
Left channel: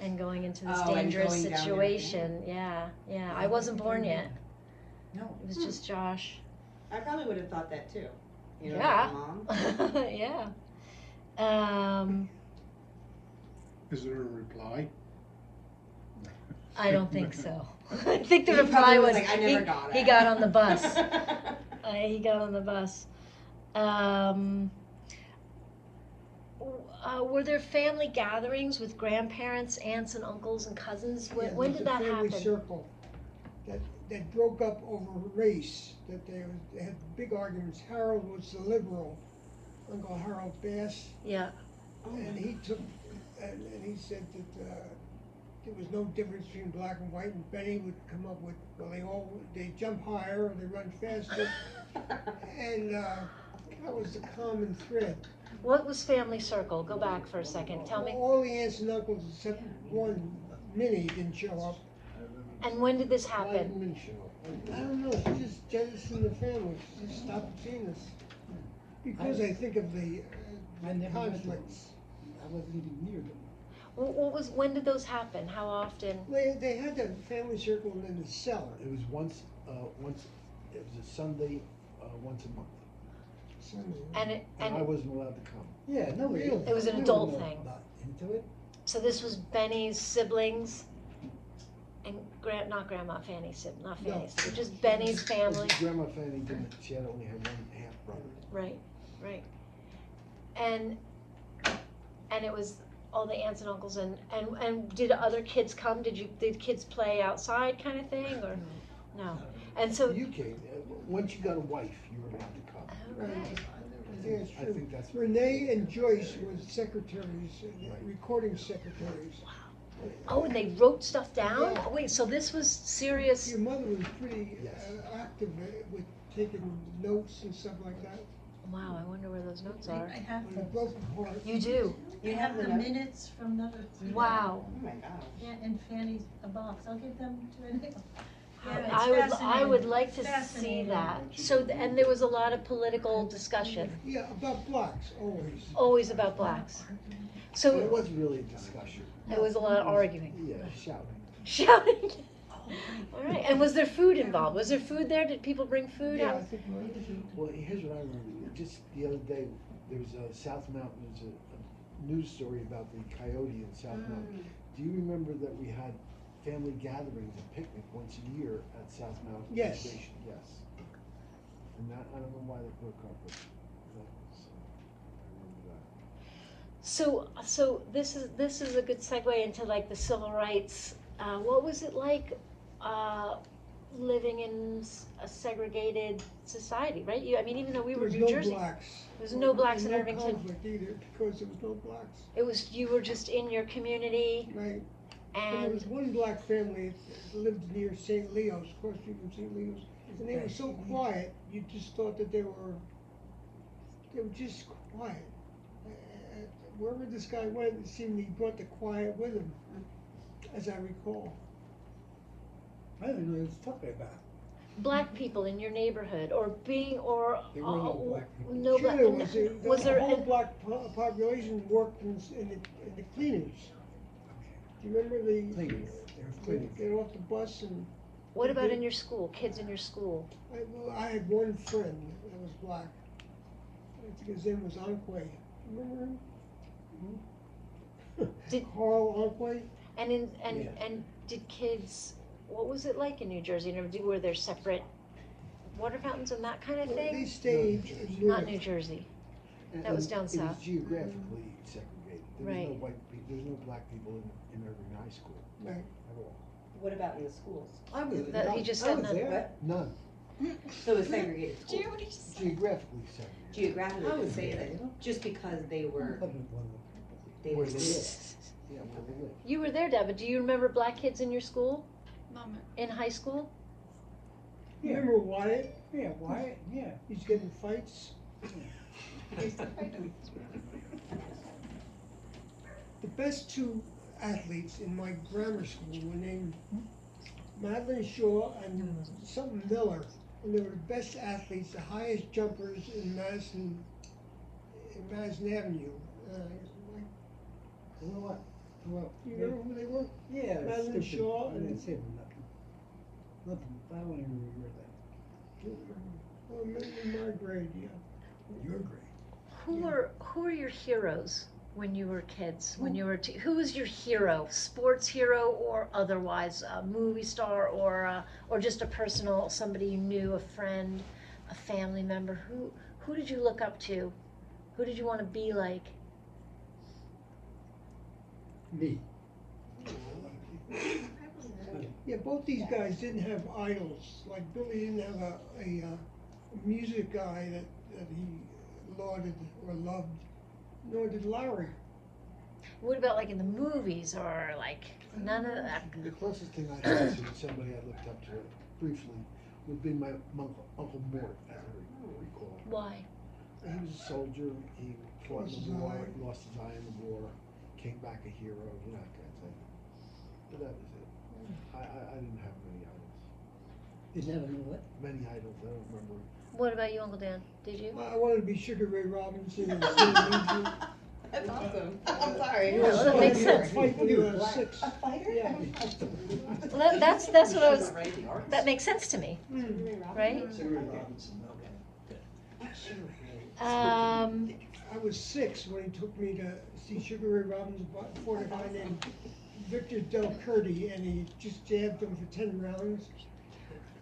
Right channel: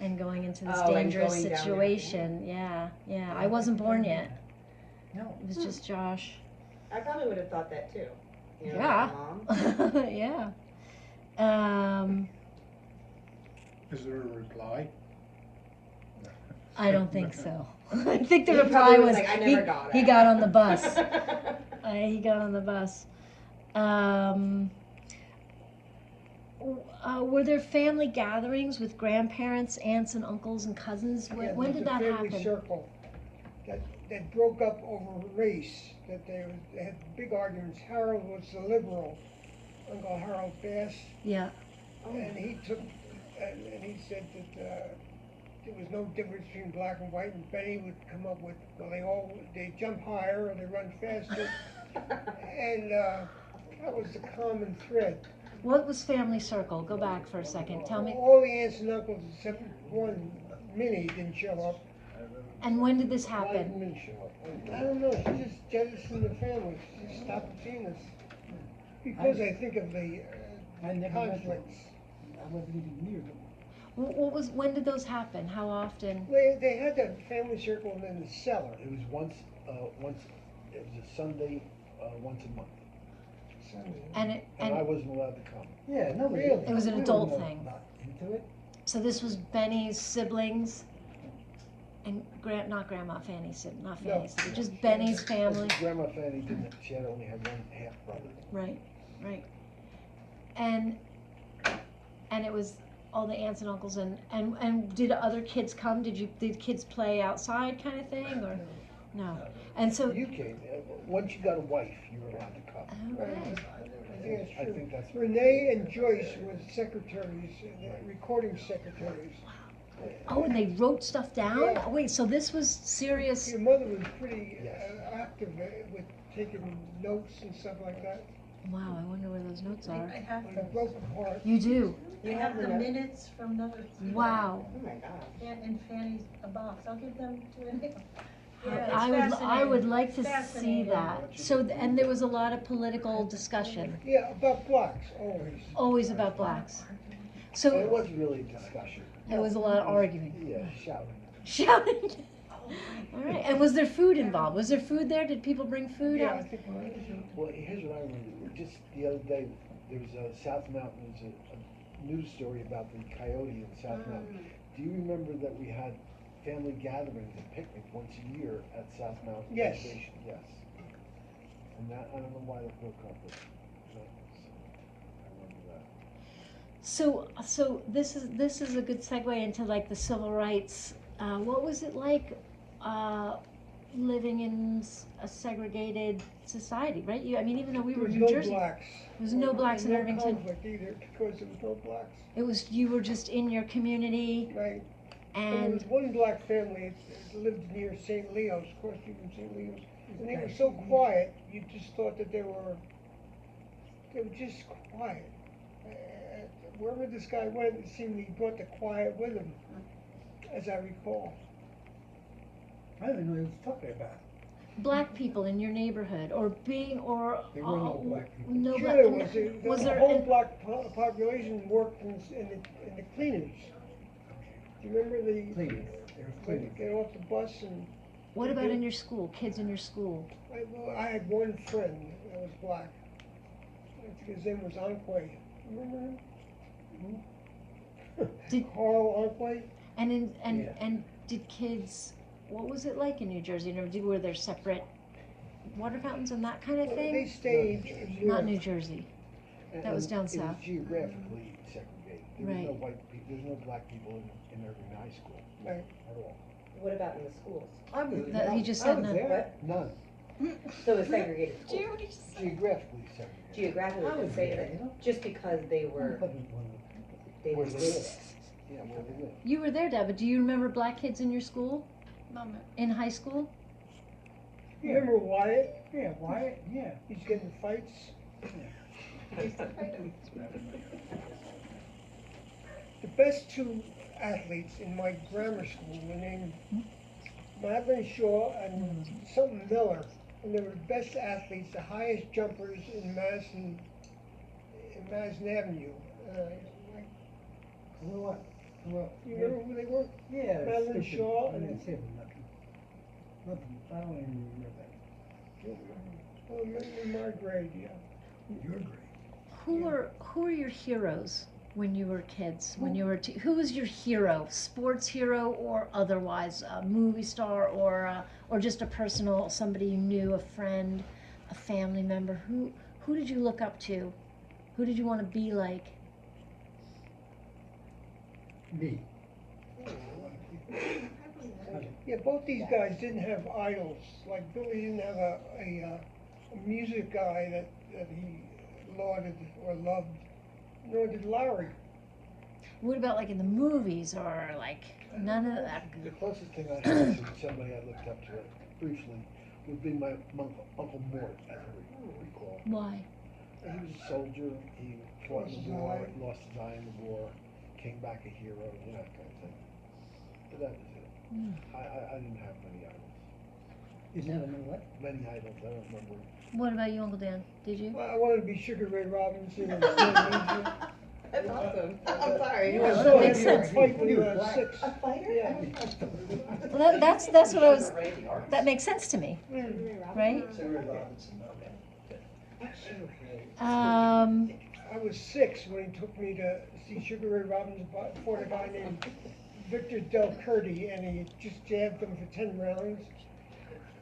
and going into this Oh, and dangerous going down there. situation. Yeah, yeah. I wasn't born yet. No. It was just Josh. I probably would have thought that too. You know, Yeah. like Mom. Yeah. Is there a reply? I don't think so. I think the He reply probably was like, I he, never got he it. got on the bus. He got on the bus. Were there family gatherings with grandparents, aunts, and uncles and cousins? When, Yeah, when there's did a that family happen? circle that broke up over race, that they had big arguments. Harold was the liberal, Uncle Harold Bass, Yeah. and he took, and he said that there was no difference between black and white, and Benny would come up with, well, they jump higher or they run faster, and that was the common thread. What was family circle? Go back for a second. Tell me. All the aunts and uncles except one, Minnie, didn't show up. And when did this Why didn't happen? Min show up? I don't know, she just jettisoned the family, she just stopped seeing us. Because I think of the I never went to conflicts. I wasn't even near them. When did those happen? How often? They had that family circle in the cellar. It was once, it was a Sunday, once a month, And and I wasn't allowed to come. Yeah, no, Really? It was an we adult were thing. not into it. So this was Benny's siblings, and not Grandma Fanny's siblings, not No. Fanny's siblings, just Benny's family. Grandma Fanny didn't, she had only had one half brother. Right, right. And it was all the aunts and uncles and did other kids come? Did kids play outside kind of thing or no? And so You came, once you got a wife, you were allowed to come. okay. I think it's I true. think that's. Renee and Joyce were secretaries, recording secretaries. Oh, and they wrote stuff down? Yeah. Oh, wait, so this was serious. Your mother was pretty Yes. active with taking notes and stuff like that. Wow, I wonder where those notes I are. have When the, it broke apart. You do? I have the minutes from the, Wow. Oh my gosh. and Fanny's box, I'll give them to Renee. Yeah, it's I would fascinating. like to see Fascinating. that. So, and there was a lot of political discussion, Yeah, about blocks, always. always about blacks. It So wasn't really a discussion. there was a lot of arguing. Yeah, shouting. Shouting. All right. And was there food involved? Was there food there? Did people bring food Yeah, out? I think Well, here's what I remember. Just the other day, there was a South Mountain, there was a news story about the coyote in South Mountain. Do you remember that we had family gatherings, a picnic once a year at South Mountain Yes. Station? Yes. And that, I don't know why they broke up, but I remember that. So this is a good segue into like the civil rights. What was it like living in a segregated society, right? I mean, even though we There were was in no New Jersey, blacks. there was no blacks in No Irvington. conflict either, because there was no blacks. It was you were just in your community, Right. And there was and one black family that lived near St. Leo's, across the street from St. Leo's, and they were so quiet, you just thought that they were just quiet. Wherever this guy went, it seemed he brought the quiet with him, as I recall. I didn't know he was talking about. black people in your neighborhood, or being, or There were no black people. no Sure, black. there was. Was The there? whole black population worked in the cleaners. Do you remember Cleaners, there was when cleaners. they get off the bus and What about in your school? Kids in your school? I had one friend that was black. I think his name was Anquay. Remember him? Did- Carl Anquay? And Yeah. and did kids? What was it like in New Jersey? Were there separate water fountains and that kind of They thing? stayed in Not Europe. New Jersey. And- That was and down It south. was geographically segregated. There Right. was no white people, there was no black people in Irving High School Right. at all. What about in the schools? I was That there. he just I said was that. there. What? None, So it's segregated schools. geographically segregated. Geographically, I they was say there, that you know. just because they I were, wasn't one of them. they Where were they there. live. Yeah, where they live. You were there, Deb, but do you remember black kids in your school? Moment. In high school? Yeah. Remember Wyatt? Yeah, Wyatt, yeah. He's getting fights. The best two athletes in my grammar school were named Madeline Shaw and something Miller. And they were the best athletes, the highest jumpers in Madison Avenue. What? What? You remember who they were? Yeah, Madeline stupid. Shaw I and- didn't say nothing. Nothing, I don't even remember that. Oh, in my grade, yeah. Your grade. Who are your heroes when you were kids? When you were who was your hero? Sports hero or otherwise, a movie star or just a personal somebody you knew, a friend, a family member. Who did you look up to? Who did you want to be like? Me. Yeah, both these guys didn't have idols. Like Billy didn't have a music guy that he lauded or loved, nor did Larry. What about like in the movies or like none of that? The closest thing I had to somebody I looked up to briefly would be my Uncle Mort, as I recall. Why? He was a soldier, he fought in the war, lost his eye in the war, came back a hero, you know, that kind of thing. But that was it. I didn't have many idols. You never know what? Many idols, I don't remember. What about you, Uncle Dan? Did you? Well, I wanted to be Sugar Ray Robinson and Stan Musial. That's awesome. I'm sorry. Yeah, I that saw makes him sense. fight when he was 6. A fighter? Yeah. Well, that's what I was. That makes sense to me, right? I was 6 when he took me to see Sugar Ray Robinson fought a guy named Victor Del Curti, and he just jabbed him for 10 rounds.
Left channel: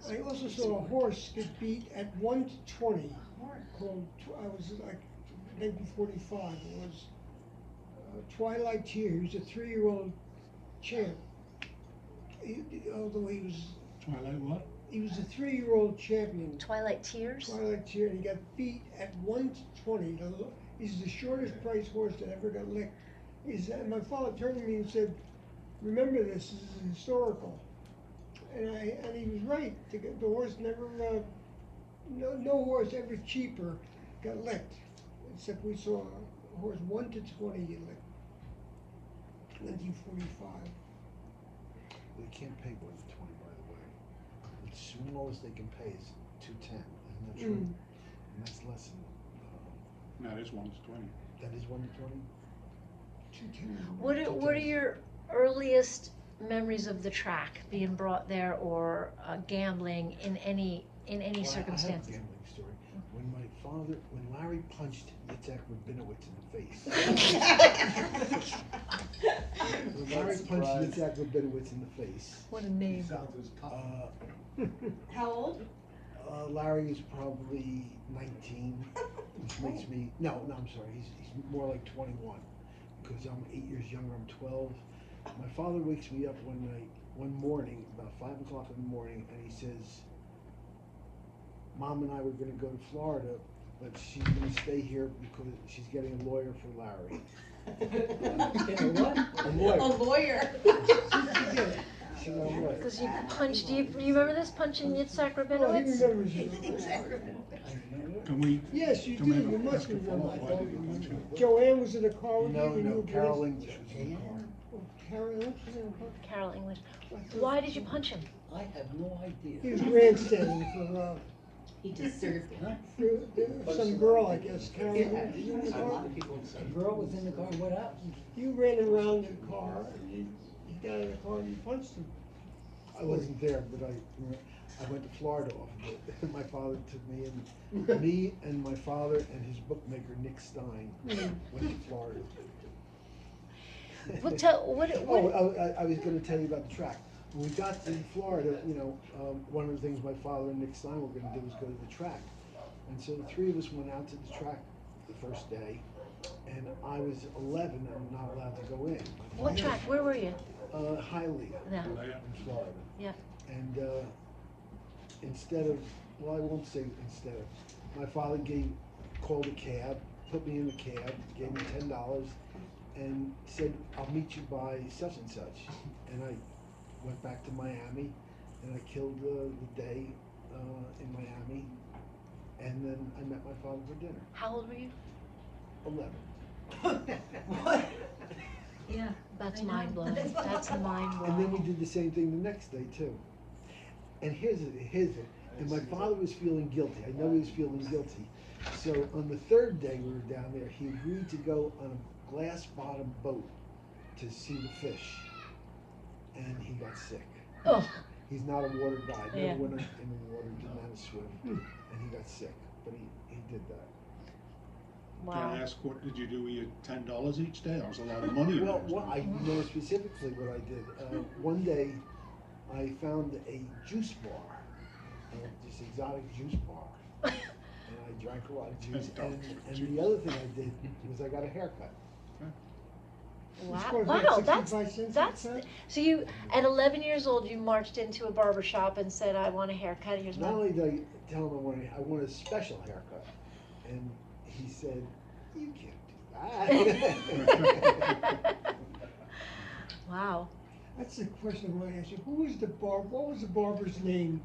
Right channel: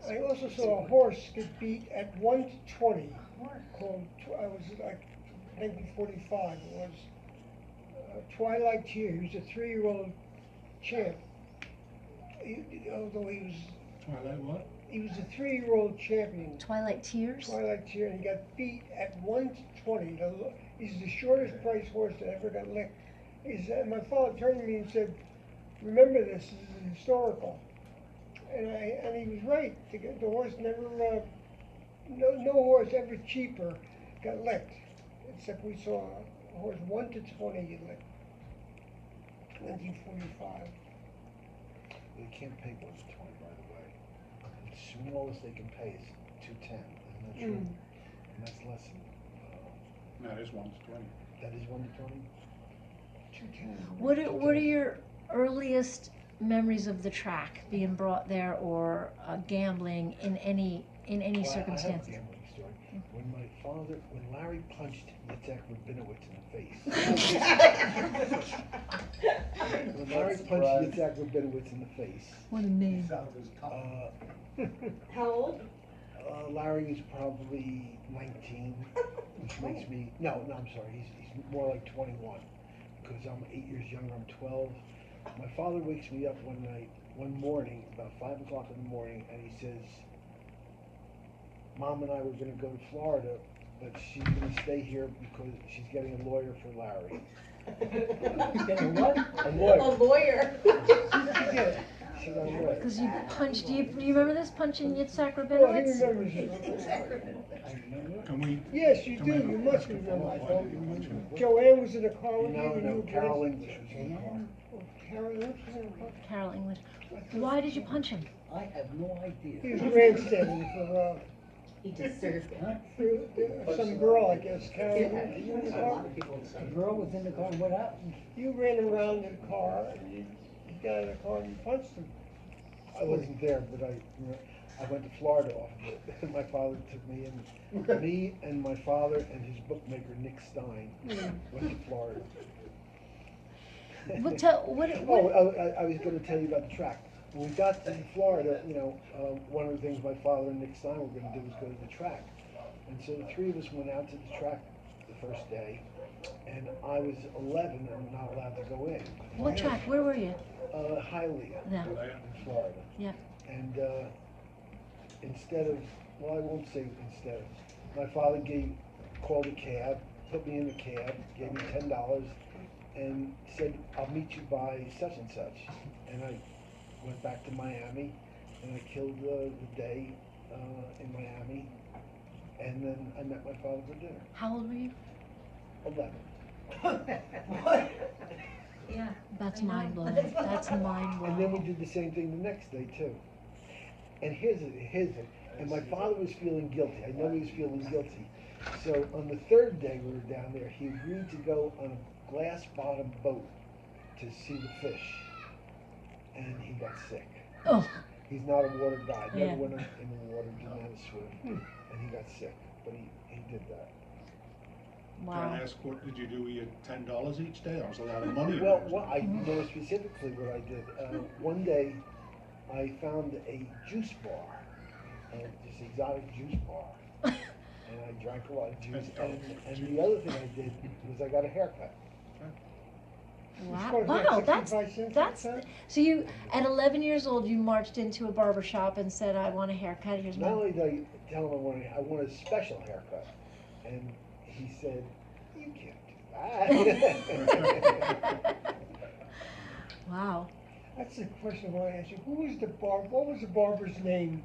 I also saw a horse get beat at 1 to 20. Called, I was like 1945. It was Twilight Tear. He was a 3-year-old champ. Although he was Twilight what? He was a 3-year-old champion. Twilight Tears. Twilight Tear, and he got beat at 1 to 20. He's the shortest price horse that ever got licked. My father turned to me and said, "Remember this is historical." And he was right. The horse never, no horse ever cheaper got licked, except we saw a horse 1 to 20 get licked. 1945. They can't pay 1 to 20, by the way. The smallest they can pay is 210, isn't that true? And that's less than, No, this one's 20. that is 1 to 20? 210. What are your earliest memories of the track being brought there, or gambling in any Well, circumstance? I have a gambling story. When Larry punched Yitzhak Rabinowitz in the face. When Larry punched Yitzhak Rabinowitz in the face, What a name! How old? Larry was probably 19, which makes me, I'm sorry, he's more like 21, because I'm 8 years younger, I'm 12. My father wakes me up one morning, about 5 o'clock in the morning, and he says, Mom and I were gonna go to Florida, but she's gonna stay here because she's getting a lawyer for Larry. Getting what? A lawyer. A lawyer. She got a lawyer. Because you punched, do you remember this, punching Yitzhak Well, he Rabinowitz? remembers it. I remember. Can we, Yes, you Can we do, have a you must basketball? remember. I don't remember. Joanne was in the car with you No, and you no, were Carol dressed- English was in the car. Carol, what's her name? Carol English. Why did you punch him? I have no He idea. was grandstanding for, He deserved it. Huh? some girl, I guess, Carol. Yeah, English. You in the a car? lot of people The girl was in the car, what happened? You ran around in the car, and you got in the car and you punched him. I wasn't there, but I went to Florida off of it, and my father took me in. Me and my father and his bookmaker, Nick Stein, went to Florida. What, I was gonna tell you about the track. When we got to Florida, one of the things my father and Nick Stein were gonna do was go to the track. And so the three of us went out to the track the first day, and I was 11 and not allowed to go in. what track, where were you? Hialeah, Yeah. in Florida. Yeah. And instead of, well, I won't say instead of, my father called a cab, put me in the cab, gave me $10, and said, I'll meet you by such and such. And I went back to Miami, and I killed the day in Miami, and then I met my father for dinner. How old were you? 11. Yeah. That's I know. mind blowing. That's mind And then we blowing. did the same thing the next day too. And here's it. And my father was feeling guilty. I know he was feeling guilty. So on the third day we were down there, he agreed to go on a glass bottom boat to see the fish. And he got sick. Oh, He's not a water guy. Yeah. Never went in the water, didn't know how to swim. And he got sick. But he did that. can wow. I ask, what did you do? You had $10 each day? That was a lot of money. Well, I know specifically what I did. One day, I found a juice bar, this exotic juice bar, and I drank a lot of juice. And the other thing I did was I got a haircut. Wow, Which was like wow, 65 cents that's, a cut? so you, at 11 years old, you marched into a barber shop and said, I want a haircut, here's Not my. only did I tell him I want a special haircut, and he said, "You can't do that." Wow. That's the question I want to ask you. What was the barber's name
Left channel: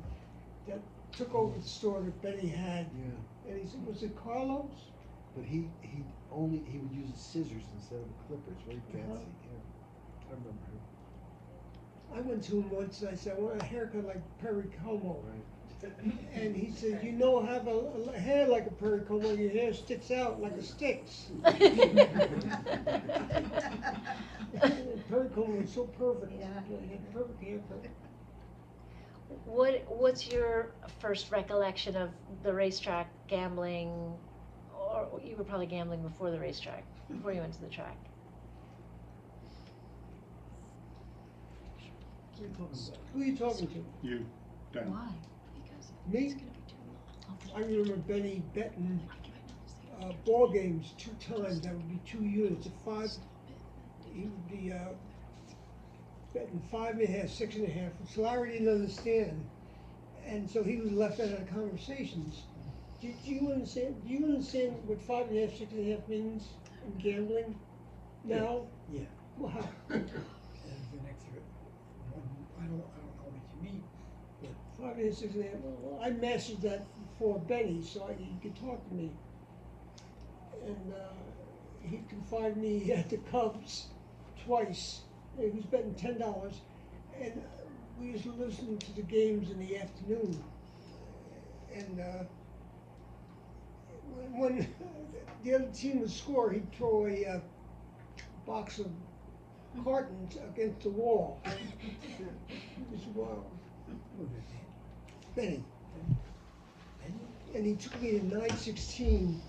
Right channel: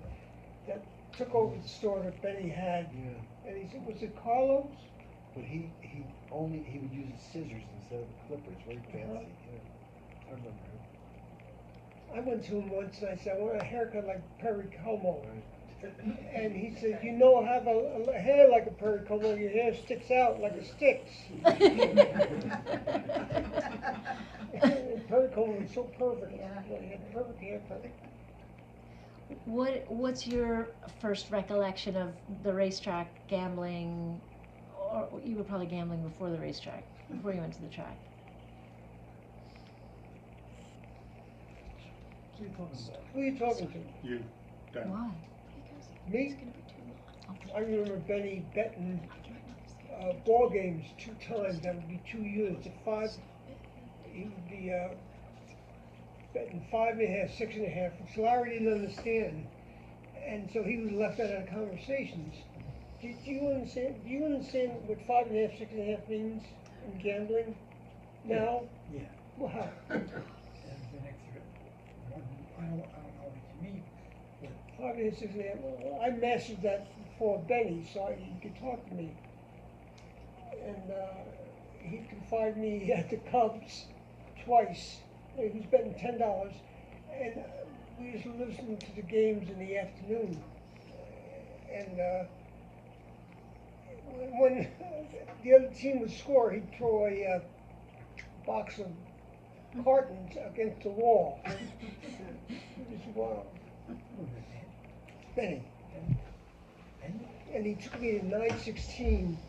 that took over the store that Benny had? Yeah. And he said, was it Carlos? But he would use scissors instead of the clippers, very fancy, yeah. I remember him. I went to him once and I said, I want a haircut like Perry Como. Right. And he said, have a hair like a Perry Como, your hair sticks out like a sticks. Perry Como was so perfect. Yeah. He had a perfect haircut. What's your first recollection of the racetrack, gambling, or you were probably gambling before the racetrack, before you went to the track? What are you talking about? Who are you talking to? You, Dan. Why? Me? I remember Benny betting ball games 2 times. That would be 2 units at 5. He would be betting 5.5, 6.5, which Larry didn't understand, and so he was left out of the conversations. Do you understand? Do you understand what 5.5, 6.5 means in gambling now? Yeah. Well, how? That was the next one. I don't know what you mean. 5.5, 6.5. Well, I mastered that before Benny, so he could talk to me. And he confided me at the Cubs twice. He was betting $10, and we used to listen to the games in the afternoon. And when the other team would score, he'd throw a box of cartons against the wall. It was wild. Who was that? Benny. And And he took me to 916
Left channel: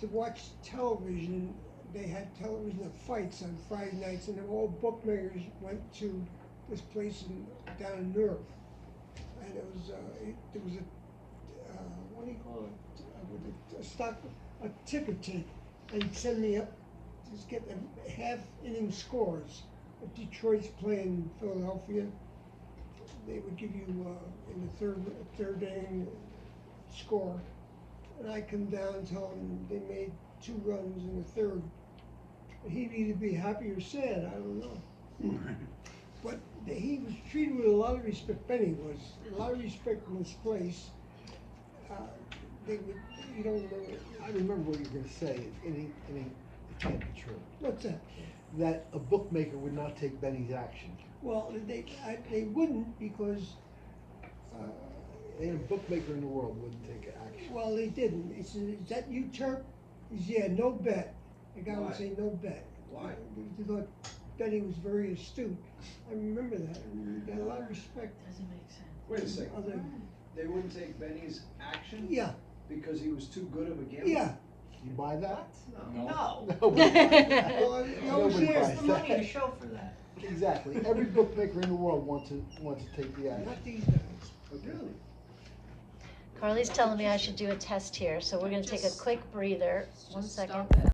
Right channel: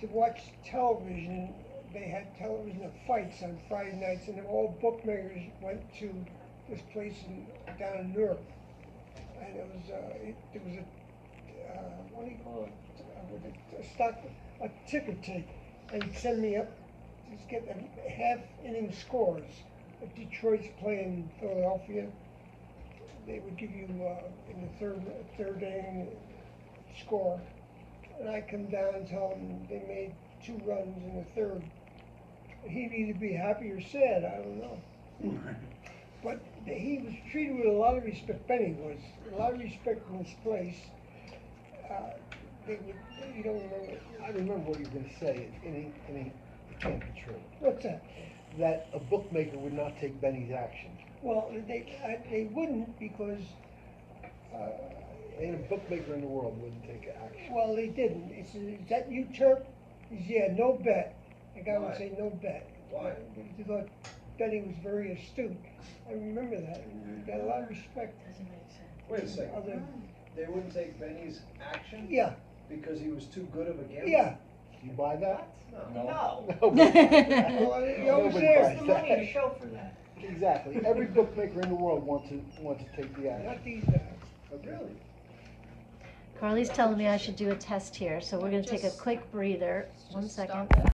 to watch television. They had television of fights on Friday nights, and all bookmakers went to this place down in Newark. And it was what do you call it, with a stock, a ticker tape, and he'd send me up, just get the half inning scores. If Detroit's playing Philadelphia, they would give you, in the third inning score. And I come down and tell him they made 2 runs in the third. He'd either be happy or sad, I don't know. But he was treated with a lot of respect. Benny was a lot of respect in this place. They would, you don't remember. I remember what you were gonna say, it can't be true. What's that? That a bookmaker would not take Benny's action. Well, they wouldn't because. Ain't a bookmaker in the world wouldn't take action. Well, they didn't. He said, "Is that you, Turk?" He said, "Yeah, no bet." The guy would Why? say, "No bet." Why? They thought Benny was very astute. I remember that. And he got a lot of respect. Doesn't make sense. Wait a second, Other- they wouldn't take Benny's action? Yeah, Because he was too good of a gambler? yeah. You buy that? No. No. Nobody buys that. Well, he always Nobody says, buys The money to that. show for that. Exactly. Every bookmaker in the world wants to take the action. not these guys. Really? Carly's telling me I should do a test here, so we're gonna take a Just- quick breather. One Just second. stop it.